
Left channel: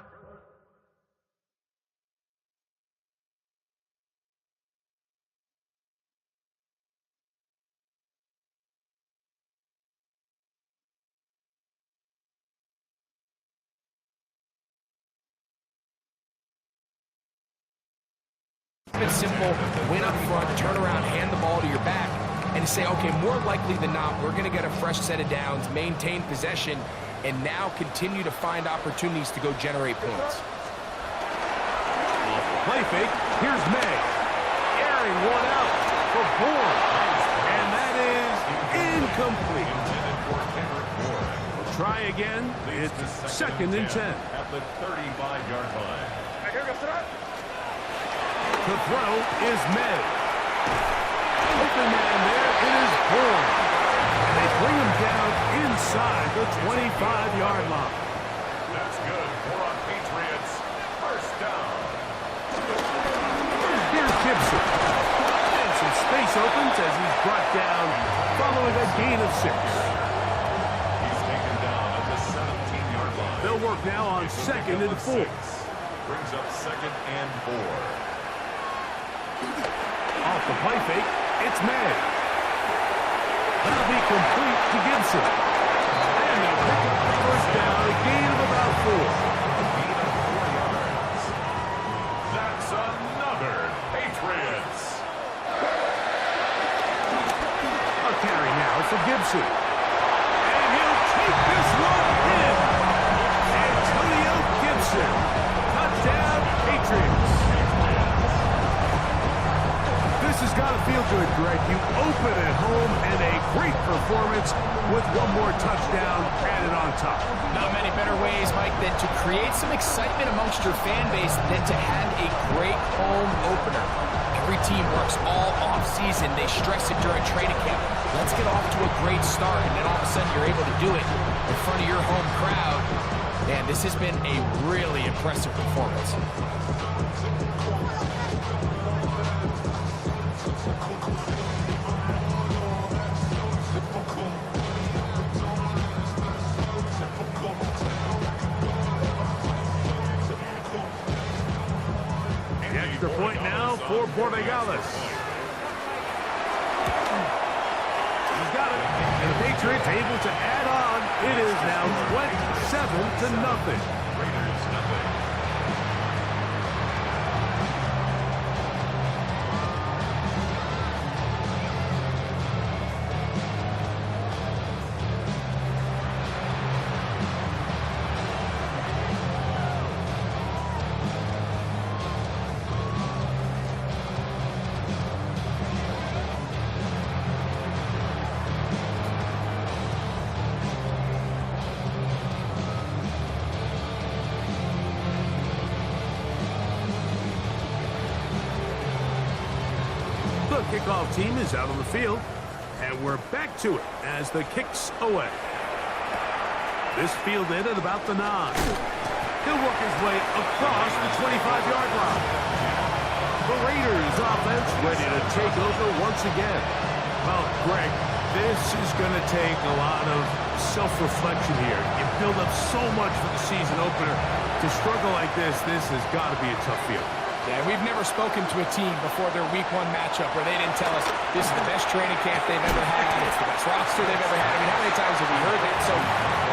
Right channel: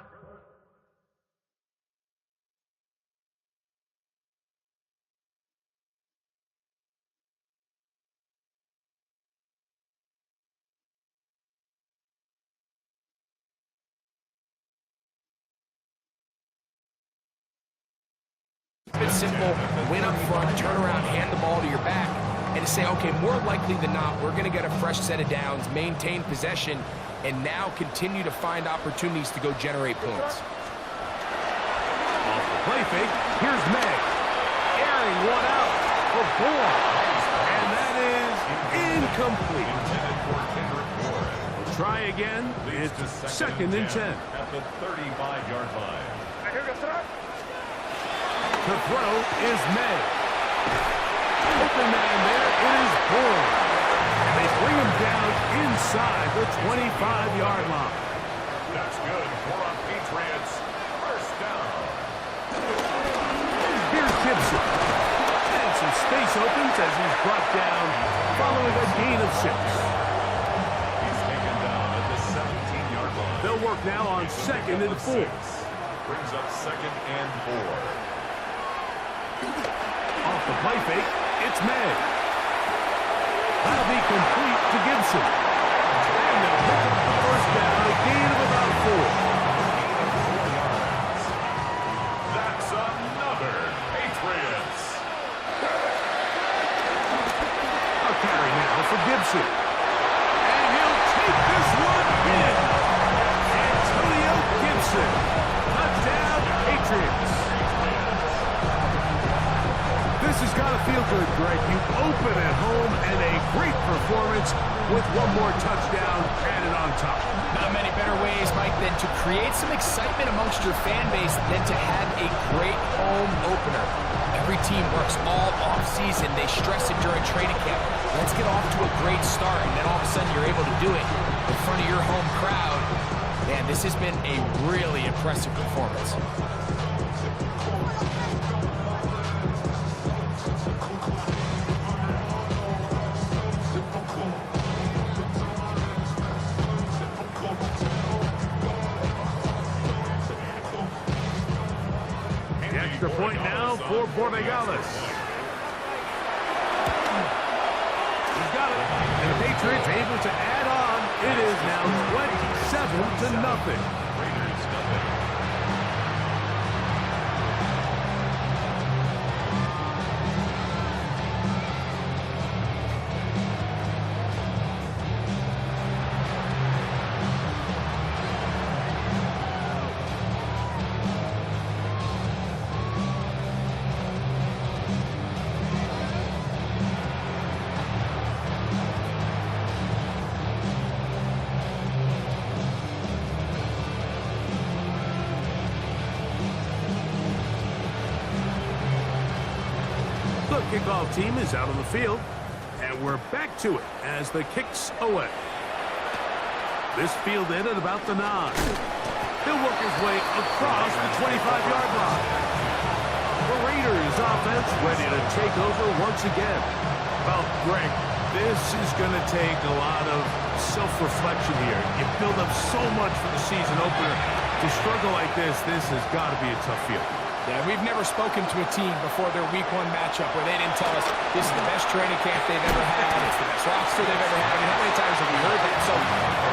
it simple, win up front, turn around, hand the ball to your back, and to say, okay, more likely than not, we're going to get a fresh set of downs, maintain possession, and now continue to find opportunities to go generate points. Off the play fake, here's May. Airing one out for Bourne. And that is incomplete. We'll try again. It's 2nd and 10. At the 35-yard line. The throw is May. Open man there, it is Bourne. And they bring him down inside the 25-yard line. That's good. More on Patriots. 1st down. Here's Gibson. And some space opens as he's brought down following a gain of 6. He's taken down at the 17-yard line. They'll work now on 2nd and 4. Brings up 2nd and 4. Off the play fake, it's May. That'll be complete to Gibson. And they'll pick up the 1st down, a gain of about 4. A gain of 4 yards. That's another Patriots. A carry now for Gibson. And he'll take this one in. Antonio Gibson. Touchdown, Patriots. This has got to feel good, Greg. You open at home and a great performance with one more touchdown added on top. Not many better ways, Mike, than to create some excitement amongst your fan base than to have a great home opener. Every team works all off-season. They stress it during training camp. Let's get off to a great start, and then all of a sudden you're able to do it in front of your home crowd. Man, this has been a really impressive performance. The point now for Borregales. He's got it. And the Patriots able to add on. It is now 27-0. Raiders nothing. The kickoff team is out on the field, and we're back to it as the kick's away. This fielded at about the 9. He'll work his way across the 25-yard line. The Raiders offense ready to take over once again. Well, Greg, this is going to take a lot of self-reflection here. You build up so much for the season opener. To struggle like this has got to be a tough field. Yeah, we've never spoken to a team before their Week 1 matchup where they didn't tell us this is the best training camp they've ever had, it's the best roster they've ever had. I mean, how many times have we heard that? So,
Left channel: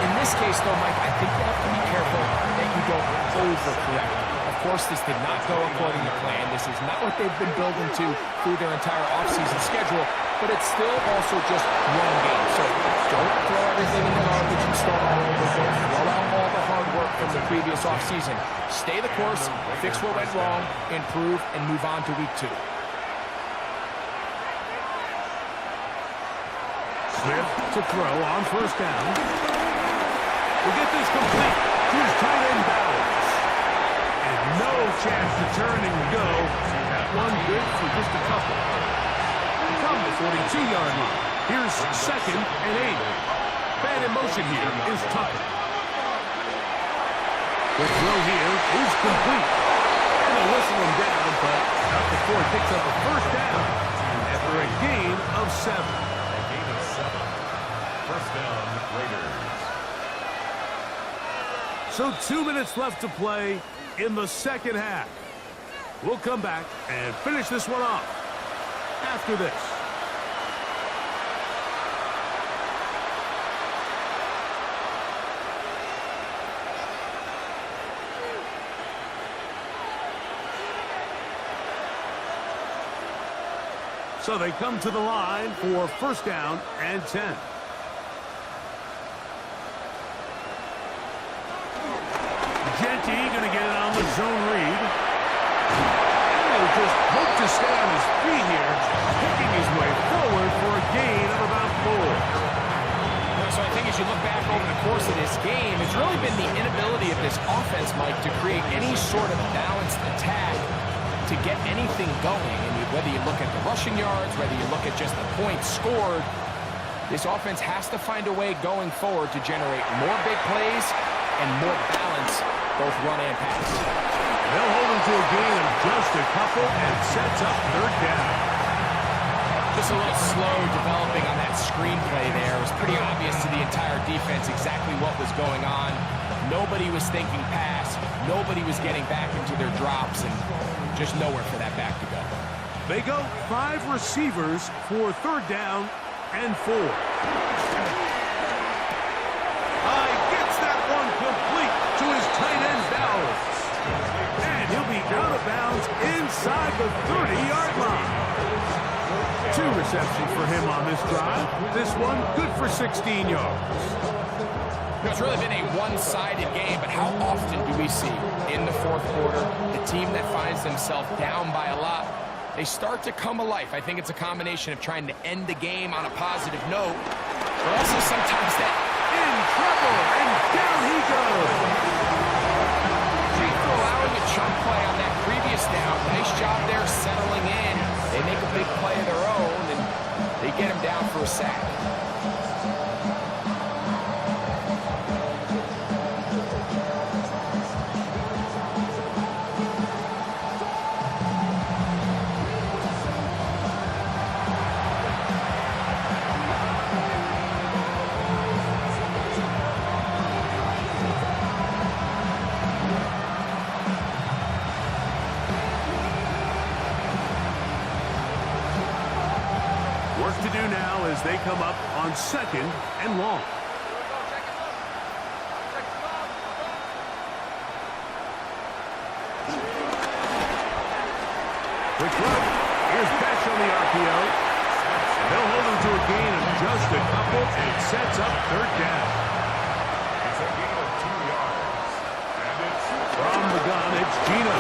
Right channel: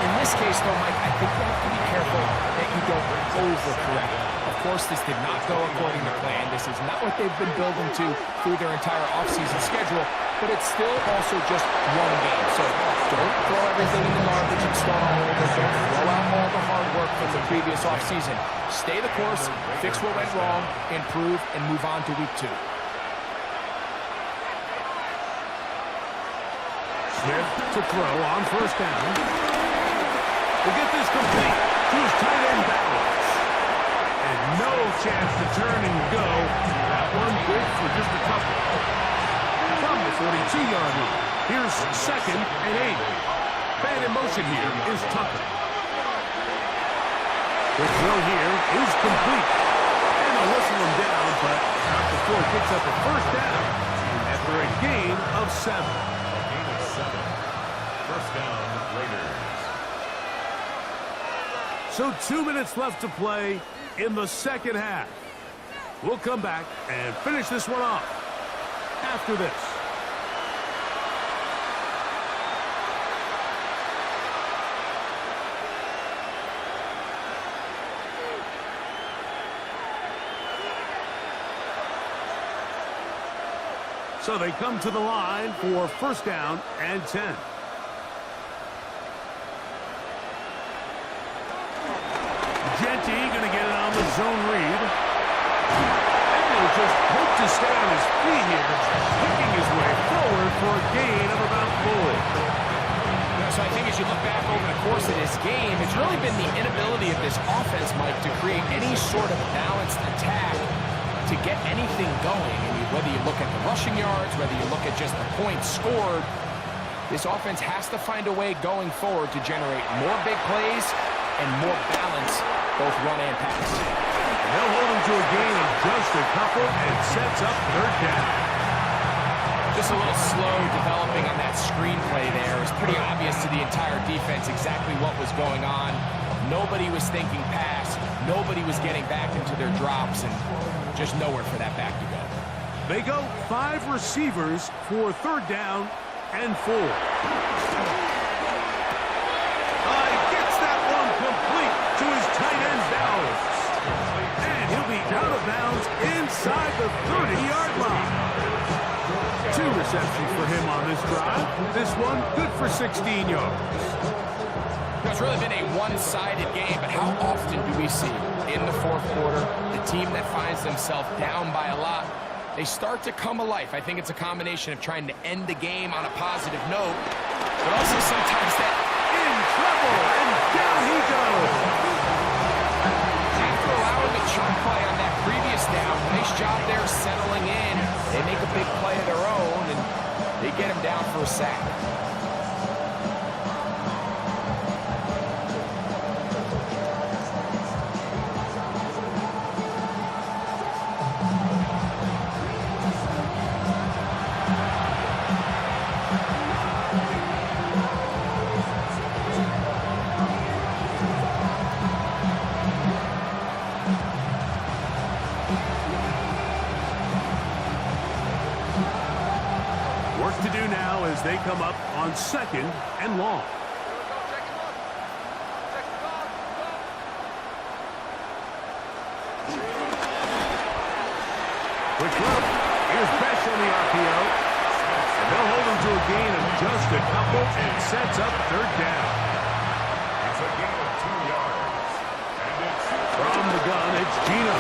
in this case, though, Mike, I think you have to be careful that you don't overcorrect. Of course, this did not go according to plan. This is not what they've been building to through their entire offseason schedule. but it's still also just one game. So don't throw everything in the garbage and start all over. Don't throw out all the hard work from the previous offseason. Stay the course, fix what went wrong, improve, and move on to week 2. Smith to throw on first down. Will get this complete to his tight end Bowers. And no chance to turn and go. That one good for just a couple. From the 42-yard line. Here's 2nd and 8. Man in motion here is Tucker. The throw here is complete. And they'll whistle him down, but not before he picks up a first down after a gain of 7. A gain of 7. First down, Raiders. So 2 minutes left to play in the second half. We'll come back and finish this one off after this. So they come to the line for first down and 10. Genty going to get it on the zone read. And he'll just hope to stay on his feet here, picking his way forward for a gain of about 4. So I think as you look back over the course of this game, it's really been the inability of this offense, Mike, to create any sort of balanced attack to get anything going. And whether you look at the rushing yards, whether you look at just the points scored, this offense has to find a way going forward to generate more big plays and more balance, both run and pass. And they'll hold him to a gain of just a couple and sets up third down. Just a little slow developing on that screenplay there. It was pretty obvious to the entire defense exactly what was going on. Nobody was thinking pass. Nobody was getting back into their drops, and just nowhere for that back to go. They go 5 receivers for third down and 4. Gets that one complete to his tight end Bowers. And he'll be out of bounds inside the 30-yard line. 2 receptions for him on this drive. This one good for 16 yards. It's really been a one-sided game, but how often do we see in the fourth quarter the team that finds themselves down by a lot, they start to come alive? I think it's a combination of trying to end the game on a positive note, but also sometimes that in trouble, and down he goes. After allowing a chunk play on that previous down, nice job there settling in. They make a big play of their own, and they get him down for a sack. Work to do now as they come up on 2nd and long. Quick throw. Here's Besh on the RPO. And they'll hold him to a gain of just a couple and sets up third down. It's a gain of 2 yards. And it's from the gun, it's Geno.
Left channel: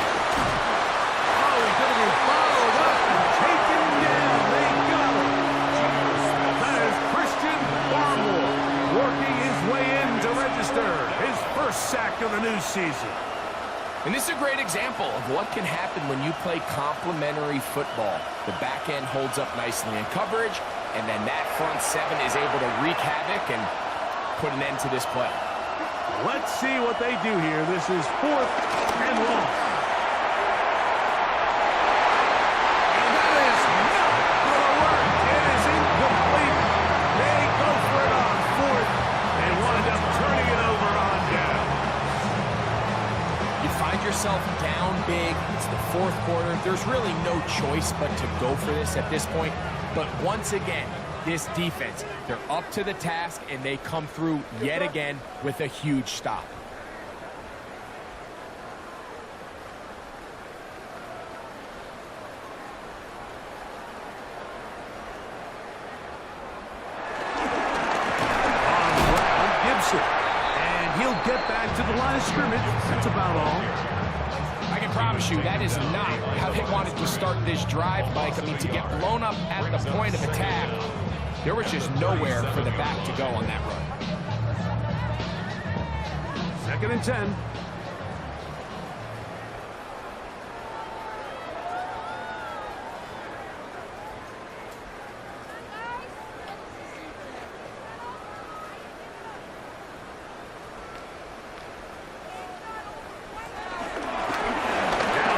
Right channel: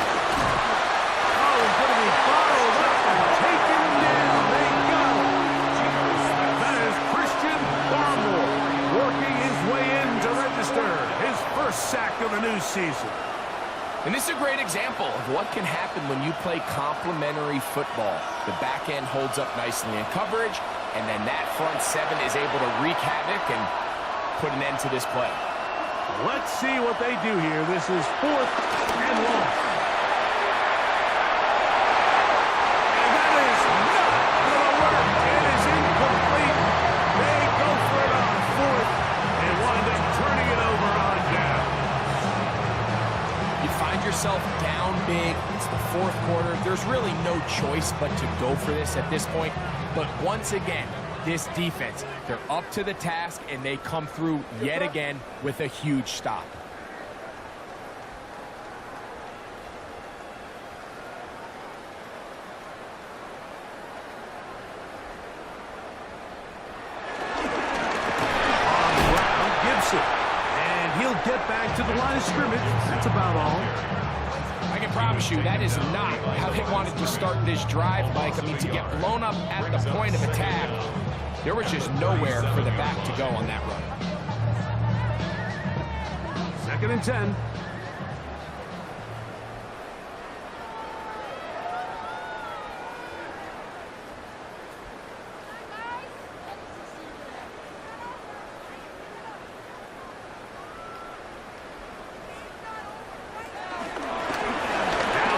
Oh, he's going to be followed up and taken down. They got him. That is Christian Barmore working his way in to register his first sack of the new season. And this is a great example of what can happen when you play complementary football. The back end holds up nicely in coverage, and then that front 7 is able to wreak havoc and put an end to this play. Let's see what they do here. This is 4th and long. And that is not going to work. It is incomplete. They go for it on 4th and wind up turning it over on down. You find yourself down big. It's the fourth quarter. There's really no choice but to go for this at this point. But once again, this defense, they're up to the task, and they come through yet again with a huge stop. get back to the line of scrimmage. That's about all. I can promise you that is not how they wanted to start this drive, Mike. I mean, to get blown up at the point of attack, there was just nowhere for the back to go on that run. 2nd and 10.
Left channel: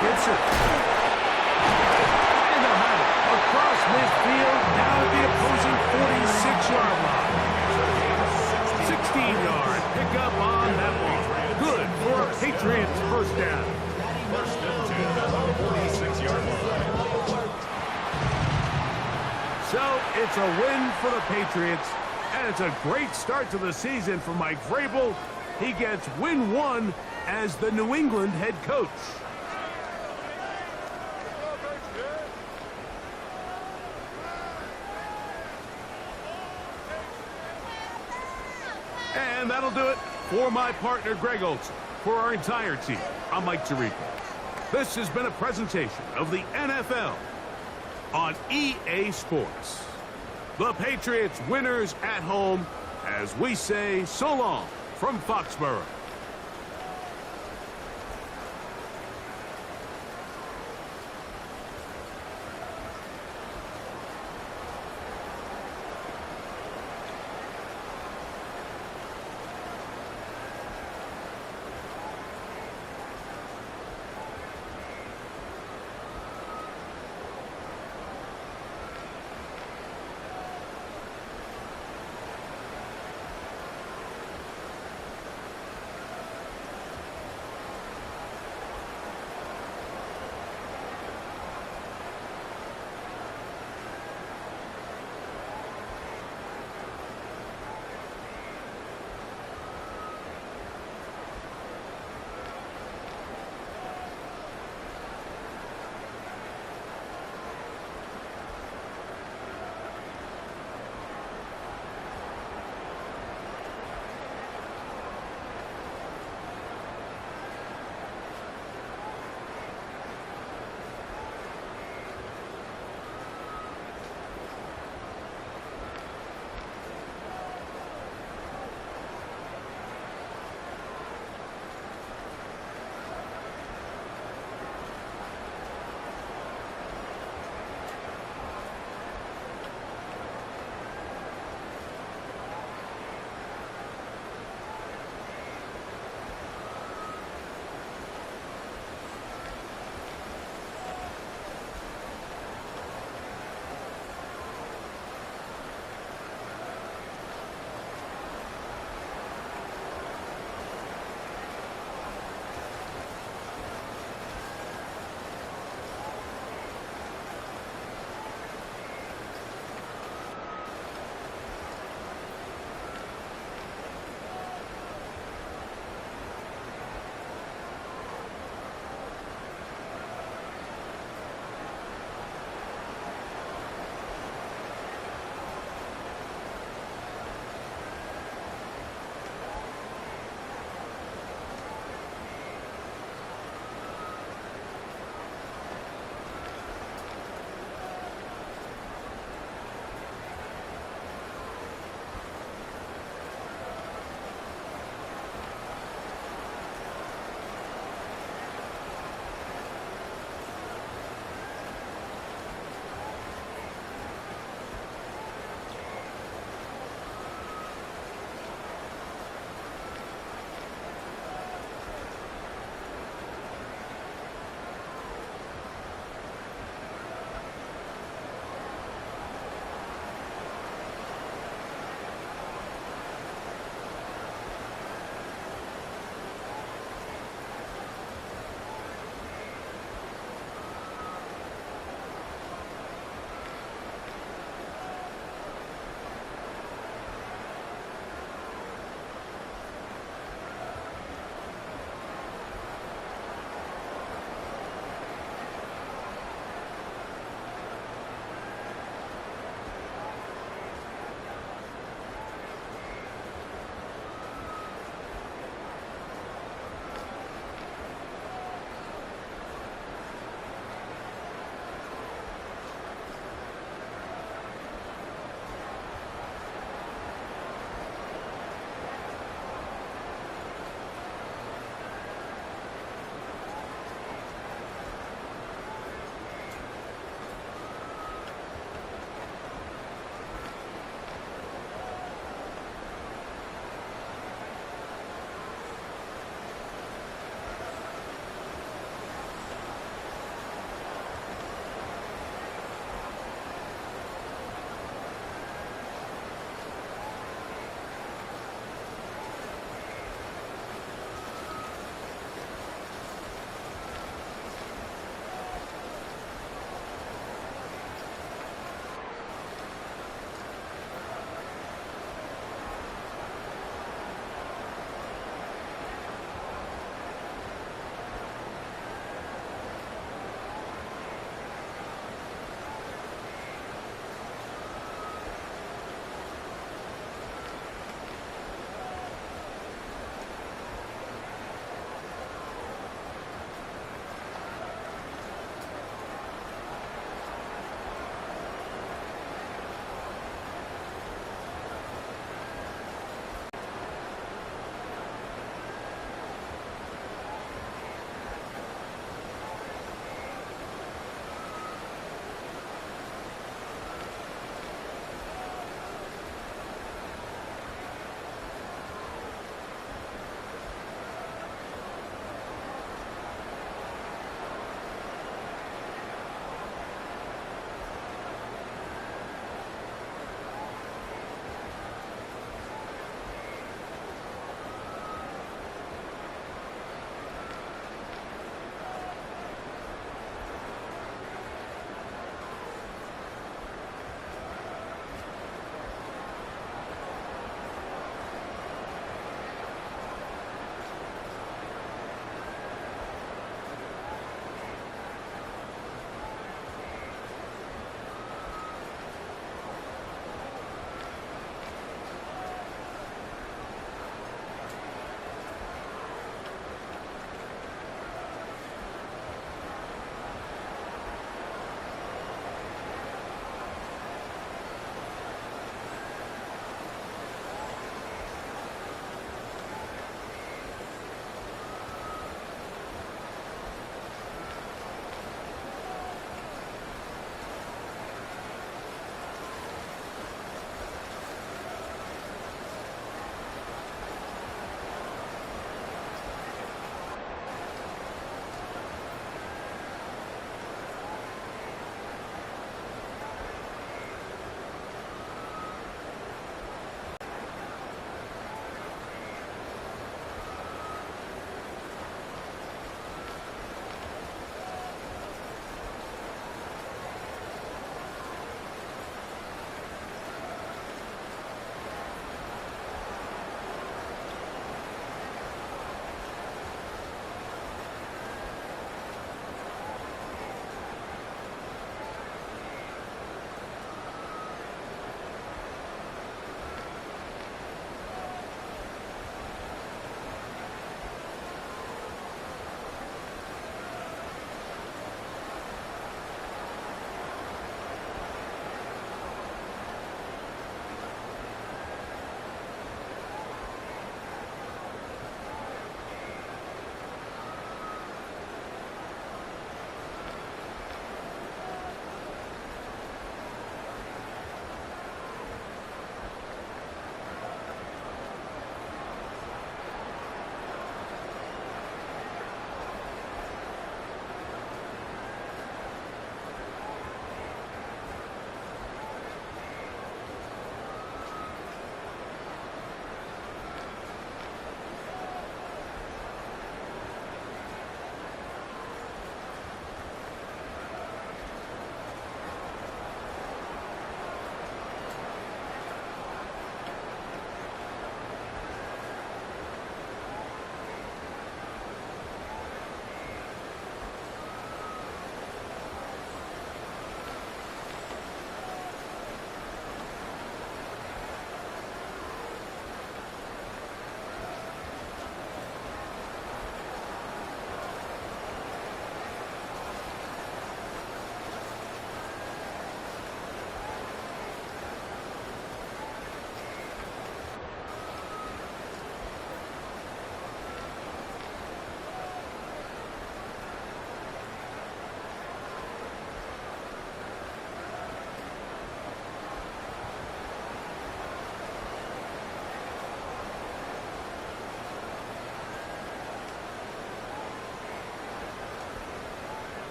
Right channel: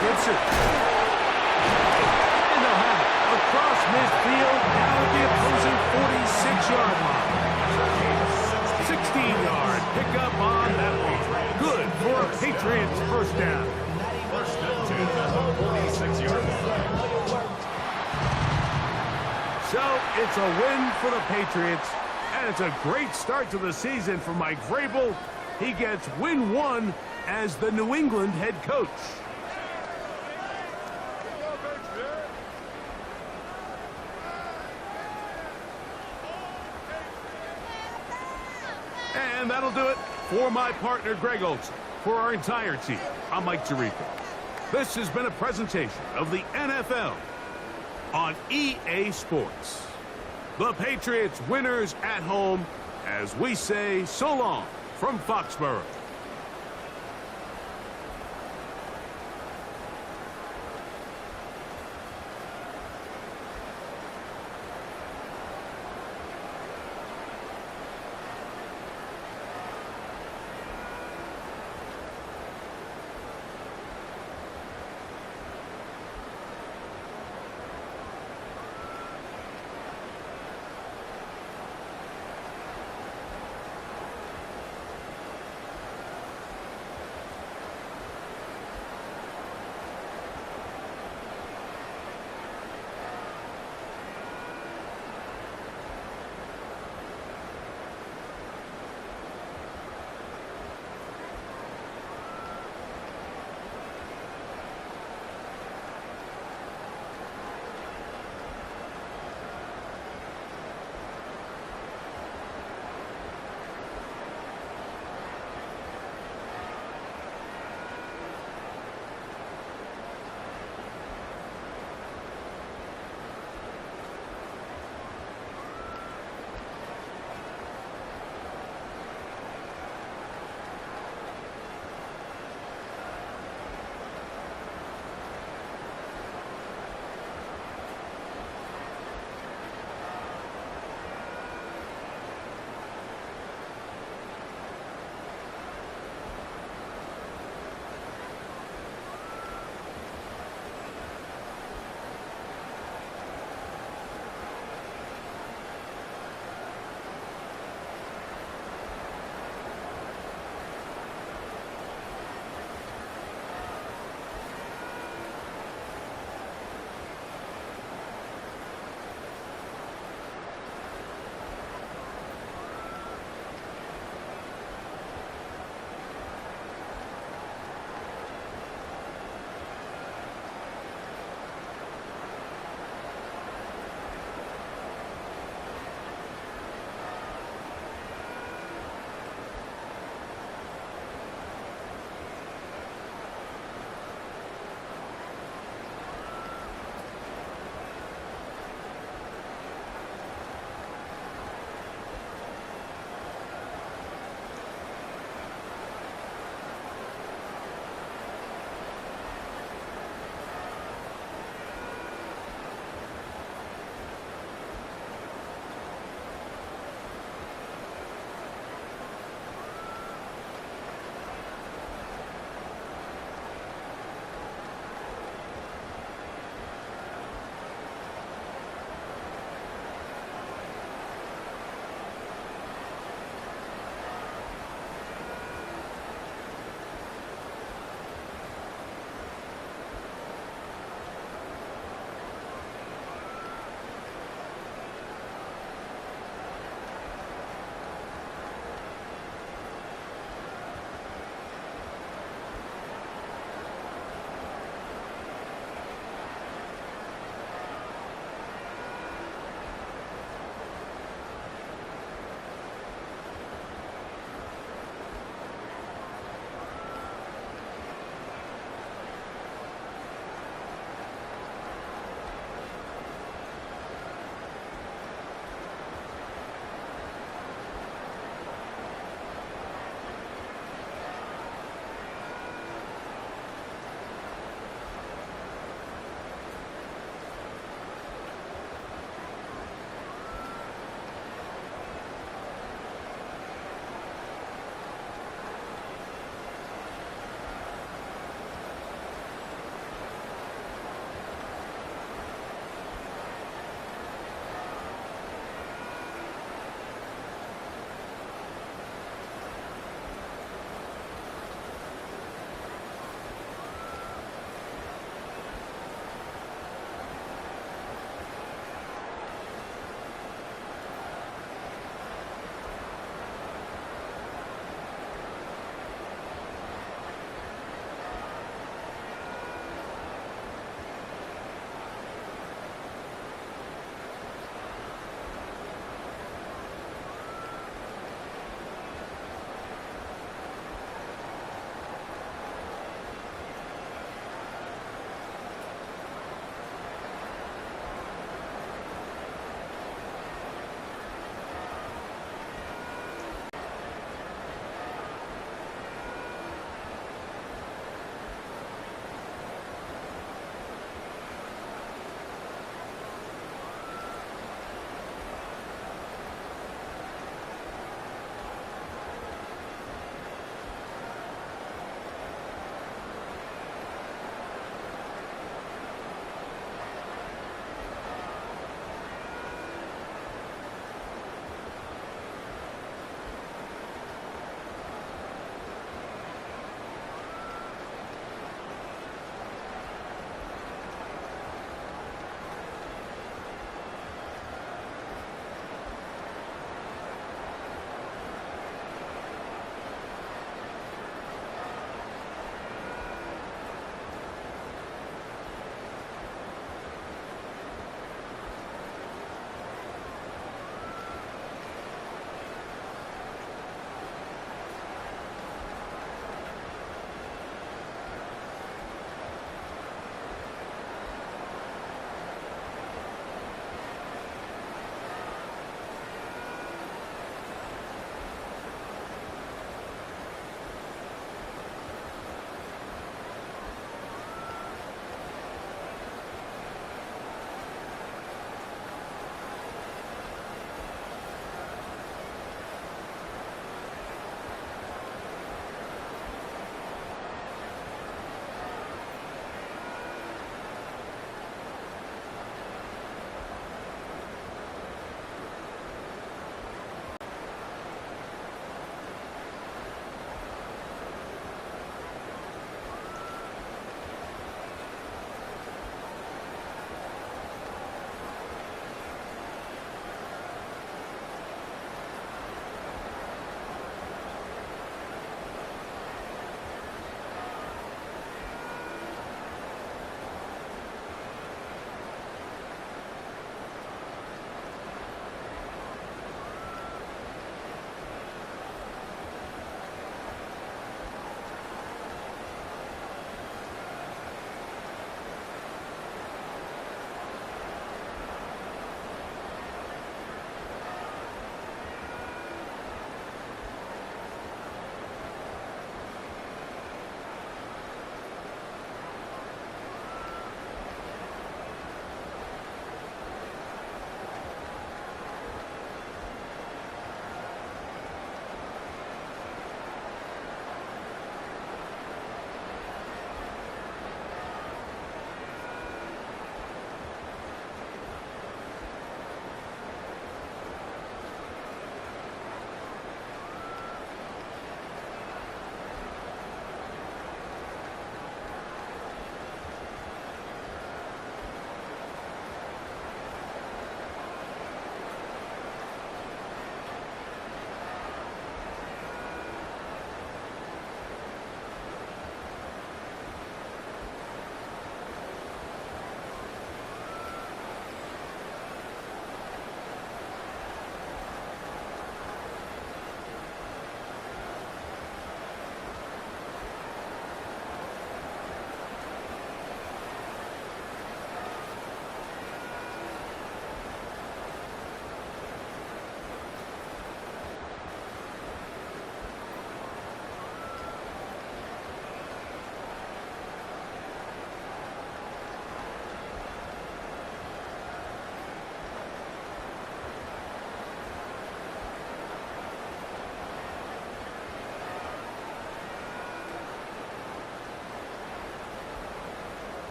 Gibson. And they'll have it across midfield, down at the opposing 46-yard line. 16-yard pickup on that one. Good for a Patriots first down. 1st and 10 at the 46-yard line. So it's a win for the Patriots, and it's a great start to the season for Mike Vrabel. He gets win 1 as the New England head coach. And that'll do it for my partner, Greg Olson. For our entire team, I'm Mike Tirico. This has been a presentation of the NFL on EA Sports. The Patriots winners at home as we say so long from Foxborough.